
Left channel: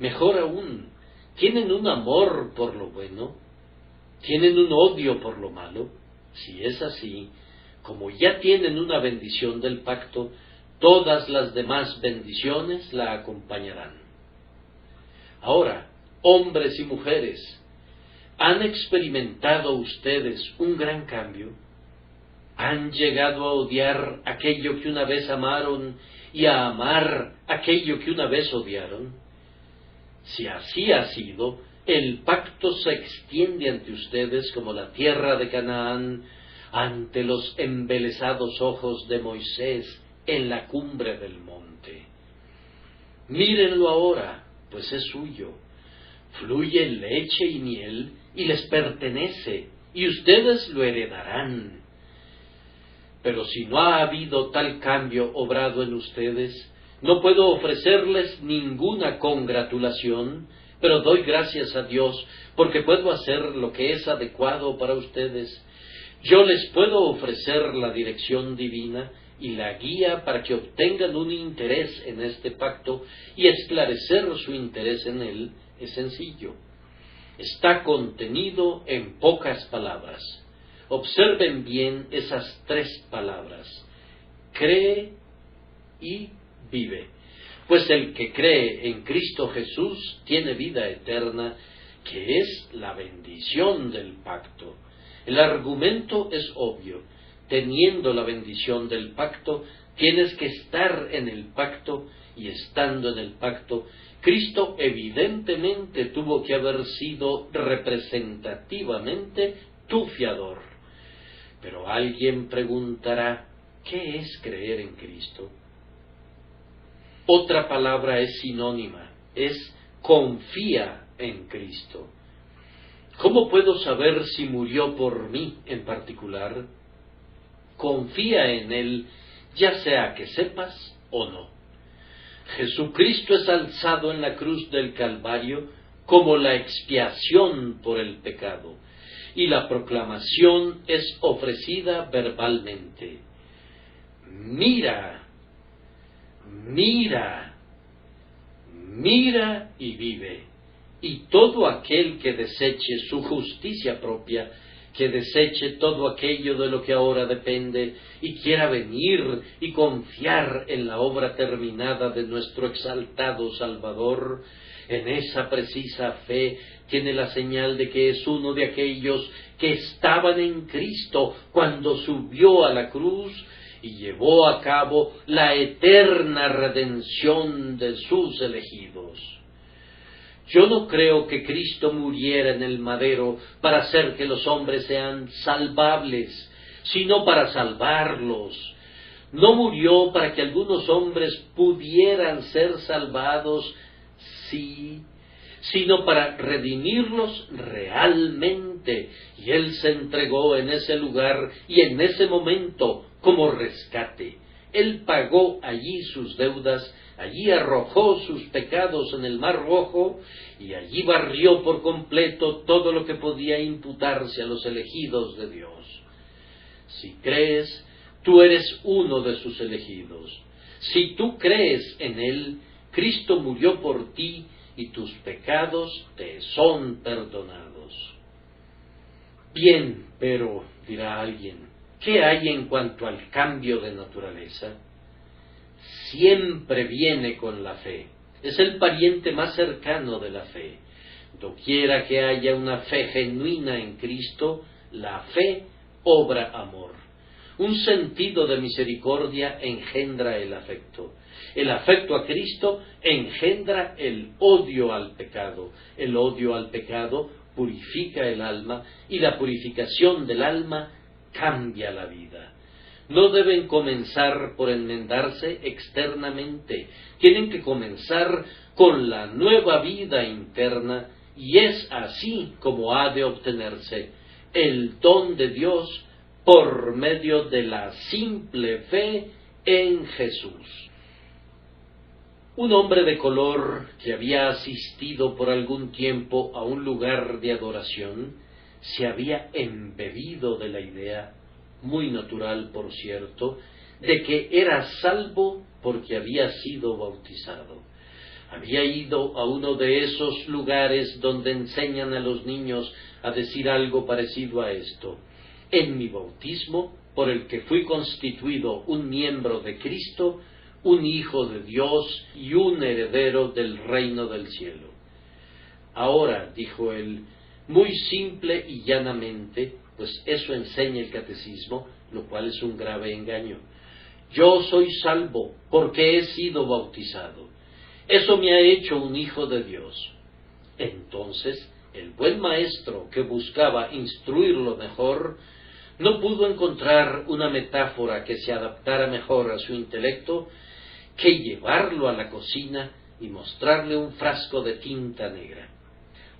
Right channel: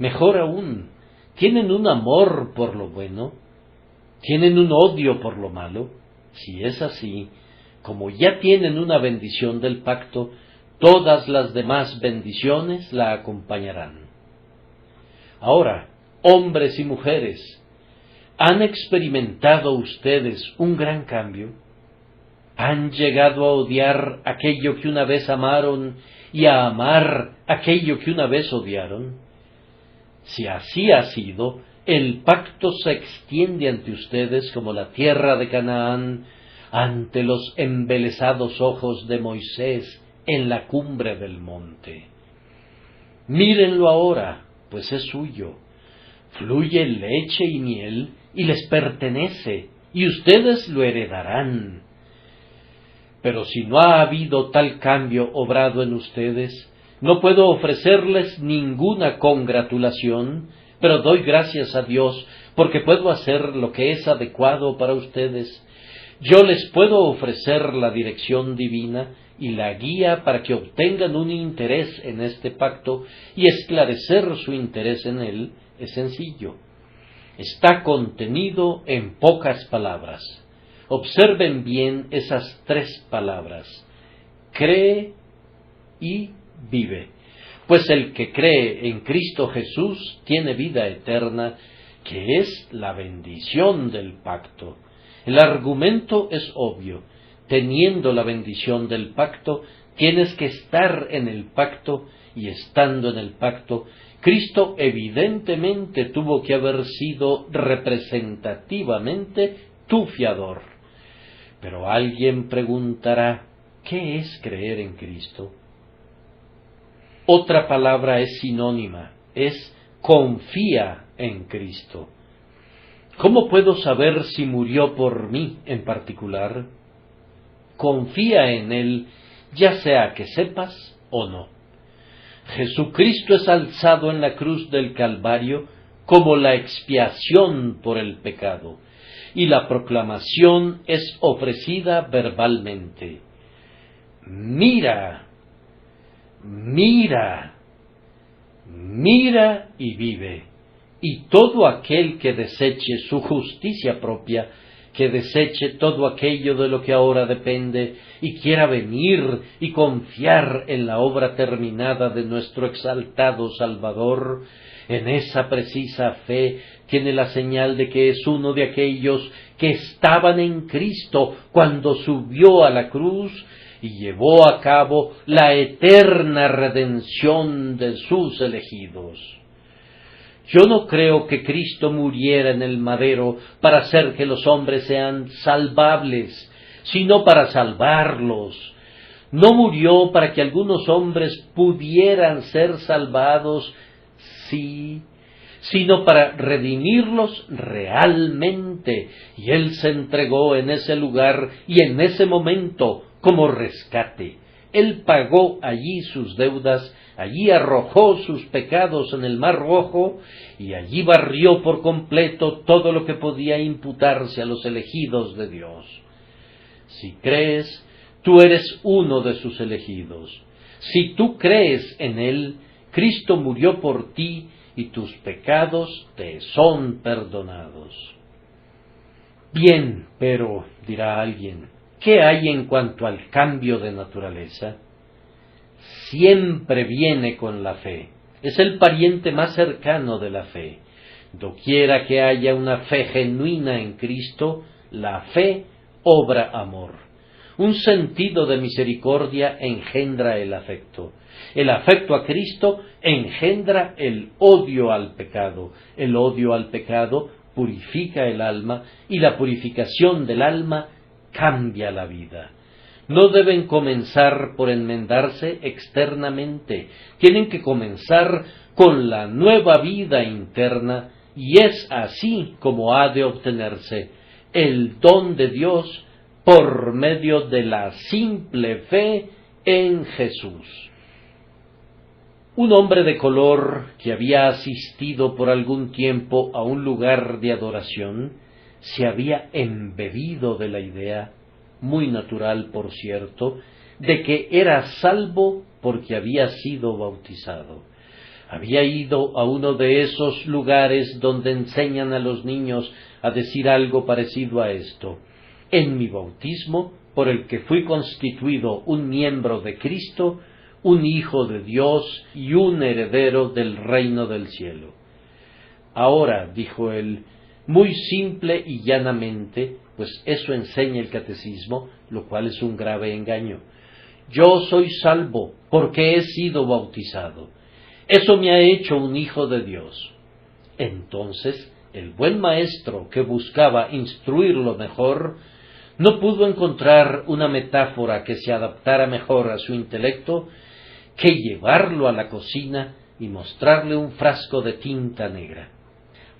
Mejor aún, ¿tienen un amor por lo bueno? ¿Tienen un odio por lo malo? Si es así, como ya tienen una bendición del pacto, todas las demás bendiciones la acompañarán. Ahora, hombres y mujeres, ¿han experimentado ustedes un gran cambio? ¿Han llegado a odiar aquello que una vez amaron y a amar aquello que una vez odiaron? Si así ha sido, el pacto se extiende ante ustedes como la tierra de Canaán ante los embelesados ojos de Moisés en la cumbre del monte. Mírenlo ahora, pues es suyo. Fluye leche y miel y les pertenece, y ustedes lo heredarán. Pero si no ha habido tal cambio obrado en ustedes, no puedo ofrecerles ninguna congratulación, pero doy gracias a Dios porque puedo hacer lo que es adecuado para ustedes. Yo les puedo ofrecer la dirección divina y la guía para que obtengan un interés en este pacto, y esclarecer su interés en él es sencillo. Está contenido en pocas palabras. Observen bien esas 3 palabras: cree y vive. Pues el que cree en Cristo Jesús tiene vida eterna, que es la bendición del pacto. El argumento es obvio. Teniendo la bendición del pacto, tienes que estar en el pacto, y estando en el pacto, Cristo evidentemente tuvo que haber sido representativamente tu fiador. Pero alguien preguntará, ¿qué es creer en Cristo? Otra palabra es sinónima, es confía en Cristo. ¿Cómo puedo saber si murió por mí en particular? Confía en Él, ya sea que sepas o no. Jesucristo es alzado en la cruz del Calvario como la expiación por el pecado, y la proclamación es ofrecida verbalmente. Mira, mira, mira y vive. Y todo aquel que deseche su justicia propia, que deseche todo aquello de lo que ahora depende, y quiera venir y confiar en la obra terminada de nuestro exaltado Salvador, en esa precisa fe tiene la señal de que es uno de aquellos que estaban en Cristo cuando subió a la cruz y llevó a cabo la eterna redención de sus elegidos. Yo no creo que Cristo muriera en el madero para hacer que los hombres sean salvables, sino para salvarlos. No murió para que algunos hombres pudieran ser salvados, sí, sino para redimirlos realmente. Y Él se entregó en ese lugar y en ese momento como rescate. Él pagó allí sus deudas, allí arrojó sus pecados en el mar rojo, y allí barrió por completo todo lo que podía imputarse a los elegidos de Dios. Si crees, tú eres uno de sus elegidos. Si tú crees en Él, Cristo murió por ti y tus pecados te son perdonados. Bien, pero, dirá alguien, ¿qué hay en cuanto al cambio de naturaleza? Siempre viene con la fe. Es el pariente más cercano de la fe. Doquiera que haya una fe genuina en Cristo, la fe obra amor. Un sentido de misericordia engendra el afecto. El afecto a Cristo engendra el odio al pecado. El odio al pecado purifica el alma, y la purificación del alma cambia la vida. No deben comenzar por enmendarse externamente, tienen que comenzar con la nueva vida interna, y es así como ha de obtenerse el don de Dios por medio de la simple fe en Jesús. Un hombre de color que había asistido por algún tiempo a un lugar de adoración se había embebido de la idea, muy natural por cierto, de que era salvo porque había sido bautizado. Había ido a uno de esos lugares donde enseñan a los niños a decir algo parecido a esto: en mi bautismo, por el que fui constituido un miembro de Cristo, un hijo de Dios y un heredero del reino del cielo. Ahora, dijo él, muy simple y llanamente, pues eso enseña el catecismo, lo cual es un grave engaño: yo soy salvo porque he sido bautizado. Eso me ha hecho un hijo de Dios. Entonces, el buen maestro que buscaba instruirlo mejor, no pudo encontrar una metáfora que se adaptara mejor a su intelecto que llevarlo a la cocina y mostrarle un frasco de tinta negra.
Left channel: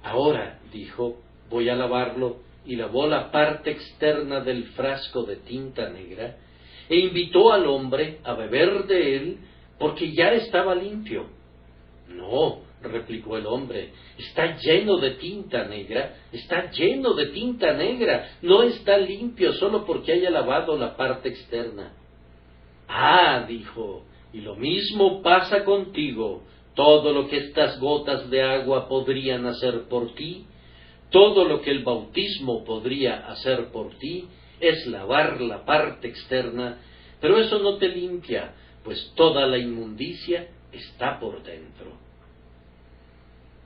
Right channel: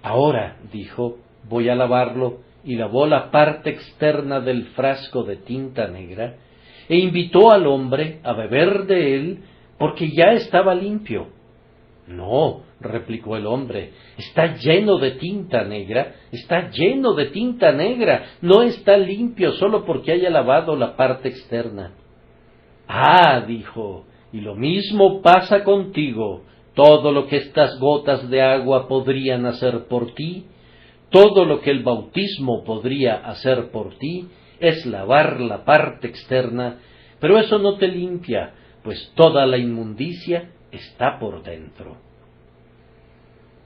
Ahora, dijo, voy a lavarlo, y lavó la parte externa del frasco de tinta negra, e invitó al hombre a beber de él, porque ya estaba limpio. No, replicó el hombre, está lleno de tinta negra, está lleno de tinta negra, no está limpio solo porque haya lavado la parte externa. Ah, dijo, y lo mismo pasa contigo. Todo lo que estas gotas de agua podrían hacer por ti, todo lo que el bautismo podría hacer por ti, es lavar la parte externa, pero eso no te limpia, pues toda la inmundicia está por dentro.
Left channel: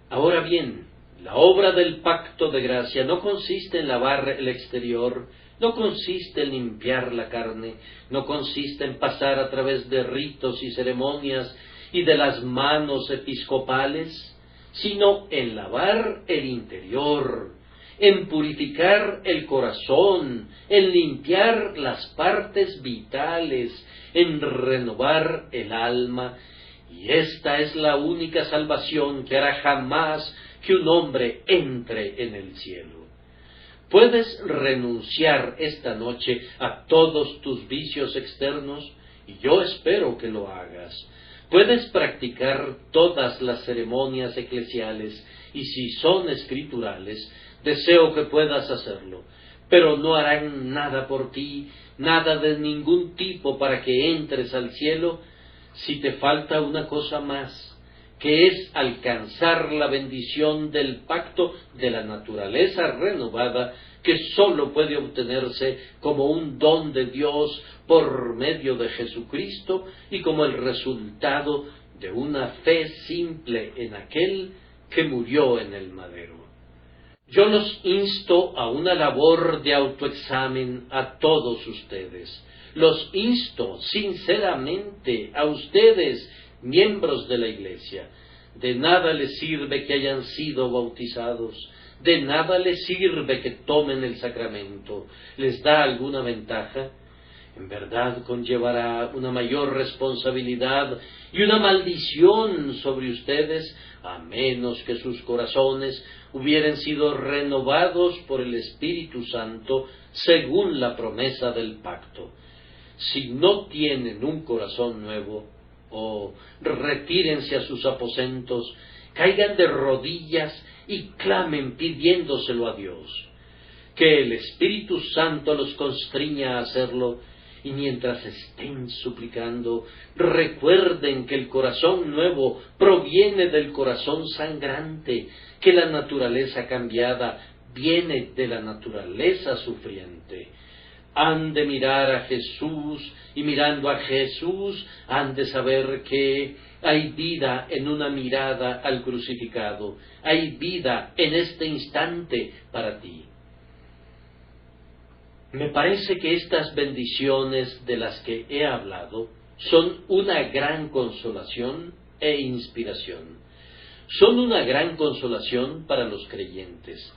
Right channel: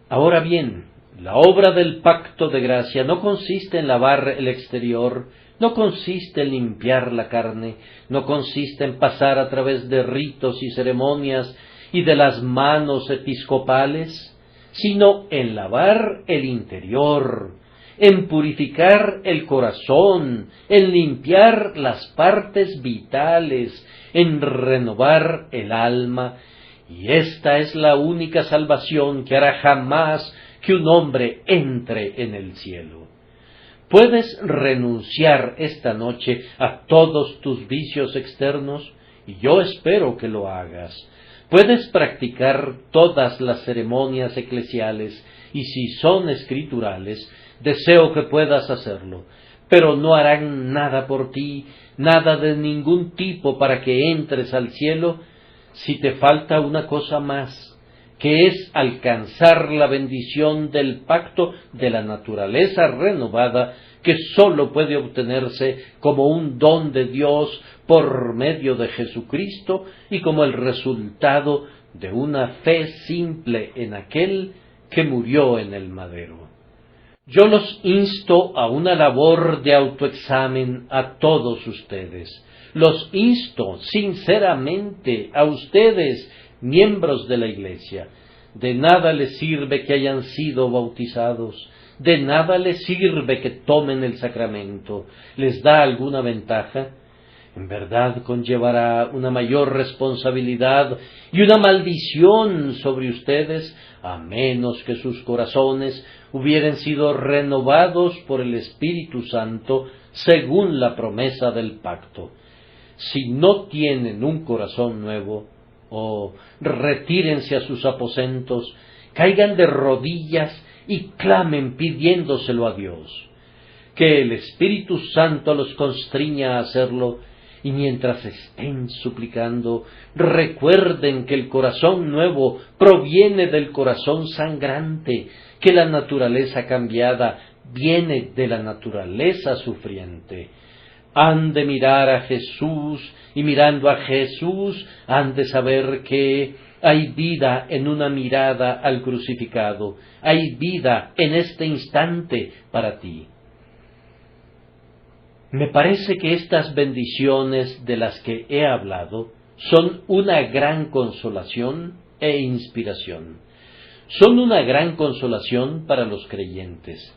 Ahora bien, la obra del pacto de gracia no consiste en lavar el exterior, no consiste en limpiar la carne, no consiste en pasar a través de ritos y ceremonias y de las manos episcopales, sino en lavar el interior, en purificar el corazón, en limpiar las partes vitales, en renovar el alma, y esta es la única salvación que hará jamás que un hombre entre en el cielo. Puedes renunciar esta noche a todos tus vicios externos, y yo espero que lo hagas. Puedes practicar todas las ceremonias eclesiales, y si son escriturales, deseo que puedas hacerlo, pero no harán nada por ti, nada de ningún tipo para que entres al cielo, si te falta una cosa más, que es alcanzar la bendición del pacto de la naturaleza renovada, que sólo puede obtenerse como un don de Dios por medio de Jesucristo y como el resultado de una fe simple en aquel que murió en el madero. Yo los insto a una labor de autoexamen a todos ustedes. Los insto sinceramente a ustedes, miembros de la Iglesia. De nada les sirve que hayan sido bautizados, de nada les sirve que tomen el sacramento. ¿Les da alguna ventaja? En verdad conllevará una mayor responsabilidad y una maldición sobre ustedes, a menos que sus corazones hubieran sido renovados por el Espíritu Santo según la promesa del pacto. Si no tienen un corazón nuevo, retírense a sus aposentos, caigan de rodillas y clamen pidiéndoselo a Dios. Que el Espíritu Santo los constriña a hacerlo, y mientras estén suplicando, recuerden que el corazón nuevo proviene del corazón sangrante, que la naturaleza cambiada viene de la naturaleza sufriente. Han de mirar a Jesús, y mirando a Jesús han de saber que hay vida en una mirada al crucificado, hay vida en este instante para ti. Me parece que estas bendiciones de las que he hablado son una gran consolación e inspiración. Son una gran consolación para los creyentes.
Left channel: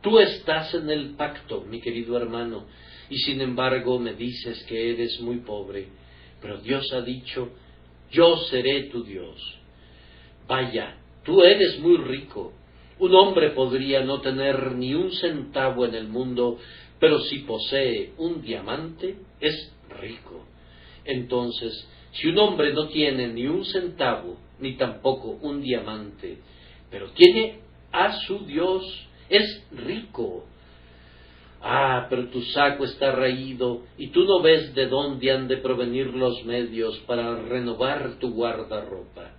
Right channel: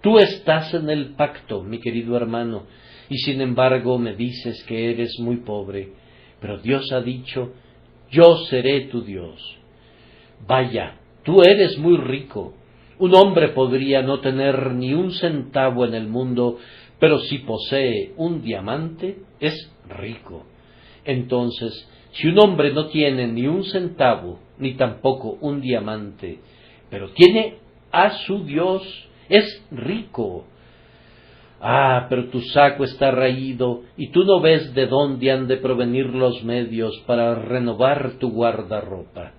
Tú estás en el pacto, mi querido hermano, y sin embargo me dices que eres muy pobre, pero Dios ha dicho, yo seré tu Dios. Vaya, tú eres muy rico. Un hombre podría no tener ni un centavo en el mundo, pero si posee un diamante, es rico. Entonces, Si un hombre no tiene ni un centavo, ni tampoco un diamante, pero tiene a su Dios, es rico. Ah, pero tu saco está raído, y tú no ves de dónde han de provenir los medios para renovar tu guardarropa.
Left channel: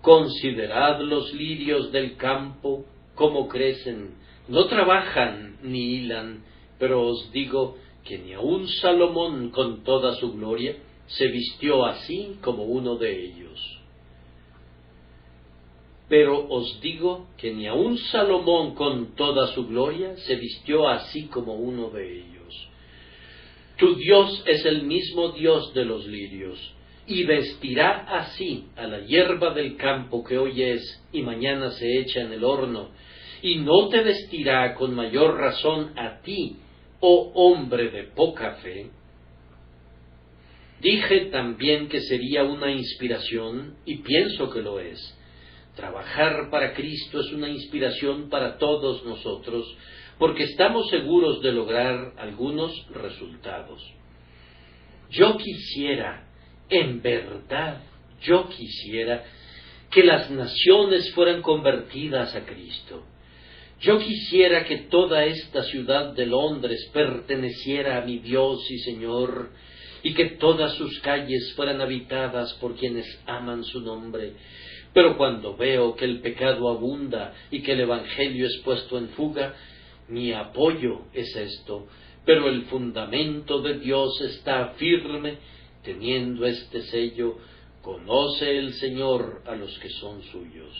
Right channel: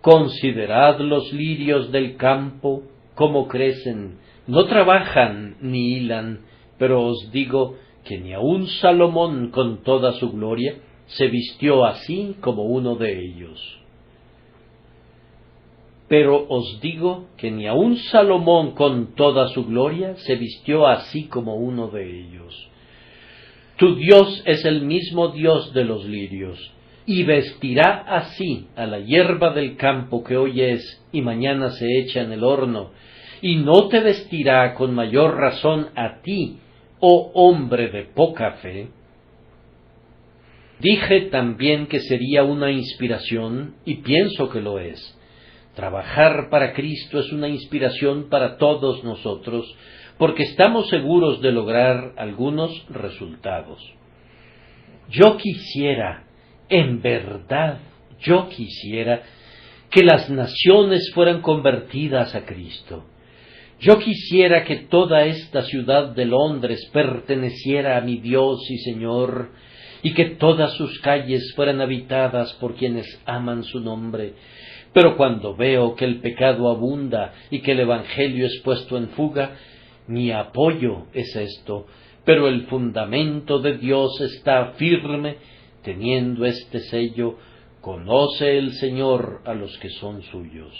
Considerad los lirios del campo, cómo crecen, no trabajan ni hilan, pero os digo que ni aun Salomón con toda su gloria se vistió así como uno de ellos. Pero os digo que ni aun Salomón con toda su gloria se vistió así como uno de ellos. Tu Dios es el mismo Dios de los lirios, y vestirá así a la hierba del campo que hoy es y mañana se echa en el horno, y no te vestirá con mayor razón a ti, oh hombre de poca fe. Dije también que sería una inspiración, y pienso que lo es. Trabajar para Cristo es una inspiración para todos nosotros, porque estamos seguros de lograr algunos resultados. Yo quisiera, en verdad, yo quisiera que las naciones fueran convertidas a Cristo. Yo quisiera que toda esta ciudad de Londres perteneciera a mi Dios y Señor, y que todas sus calles fueran habitadas por quienes aman su nombre. Pero cuando veo que el pecado abunda y que el Evangelio es puesto en fuga, mi apoyo es esto, pero el fundamento de Dios está firme, teniendo este sello: conoce el Señor a los que son suyos.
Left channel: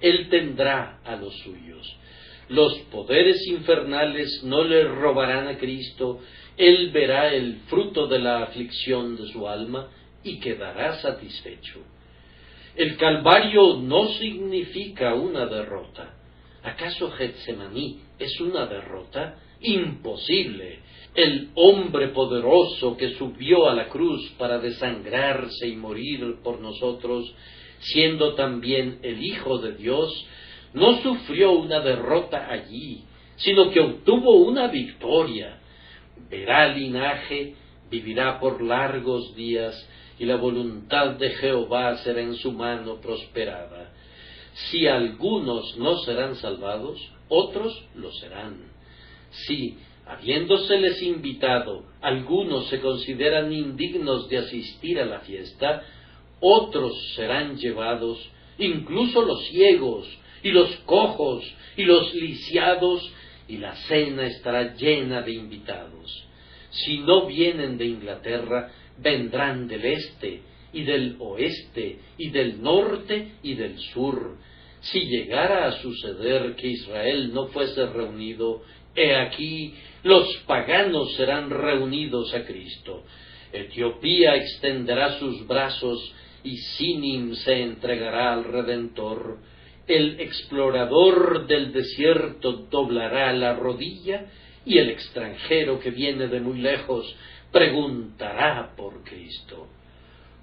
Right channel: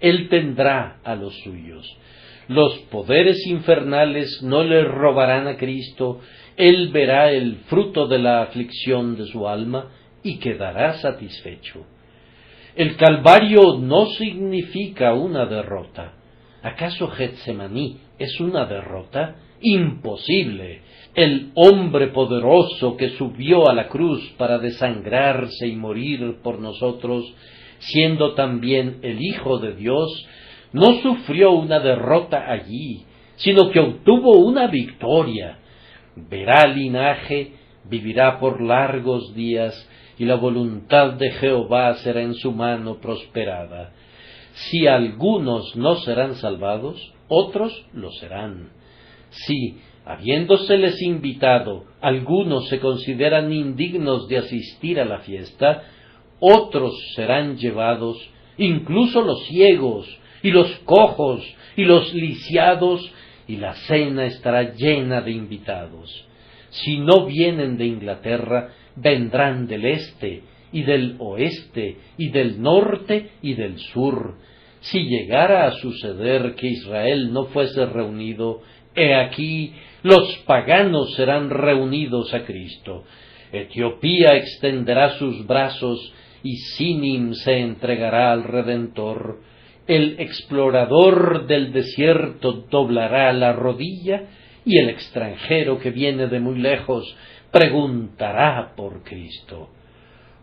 Él tendrá a los suyos. Los poderes infernales no le robarán a Cristo. Él verá el fruto de la aflicción de su alma y quedará satisfecho. El Calvario no significa una derrota. ¿Acaso Getsemaní es una derrota? Imposible. El hombre poderoso que subió a la cruz para desangrarse y morir por nosotros, siendo también el Hijo de Dios, no sufrió una derrota allí, sino que obtuvo una victoria. Verá linaje, vivirá por largos días, y la voluntad de Jehová será en su mano prosperada. Si algunos no serán salvados, otros lo serán. Si, habiéndoseles invitado, algunos se consideran indignos de asistir a la fiesta, otros serán llevados, incluso los ciegos, y los cojos, y los lisiados, y la cena estará llena de invitados. Si no vienen de Inglaterra, vendrán del este, y del oeste, y del norte, y del sur. Si llegara a suceder que Israel no fuese reunido, he aquí, los paganos serán reunidos a Cristo. Etiopía extenderá sus brazos, y Sinim se entregará al Redentor. El explorador del desierto doblará la rodilla, y el extranjero que viene de muy lejos preguntará por Cristo.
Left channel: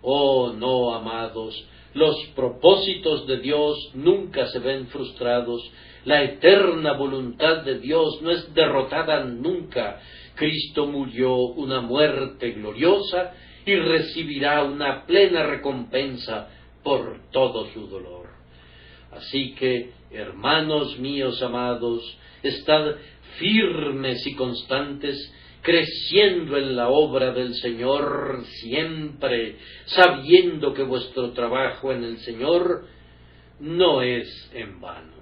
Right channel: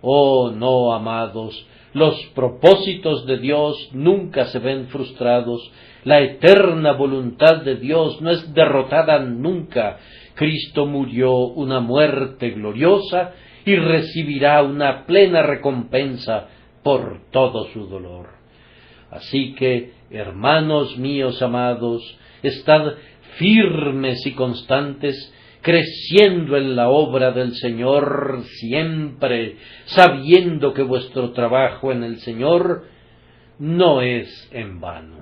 Oh, no, amados, los propósitos de Dios nunca se ven frustrados. La eterna voluntad de Dios no es derrotada nunca. Cristo murió una muerte gloriosa y recibirá una plena recompensa por todo su dolor. Así que, hermanos míos amados, estad firmes y constantes, creciendo en la obra del Señor siempre, sabiendo que vuestro trabajo en el Señor no es en vano.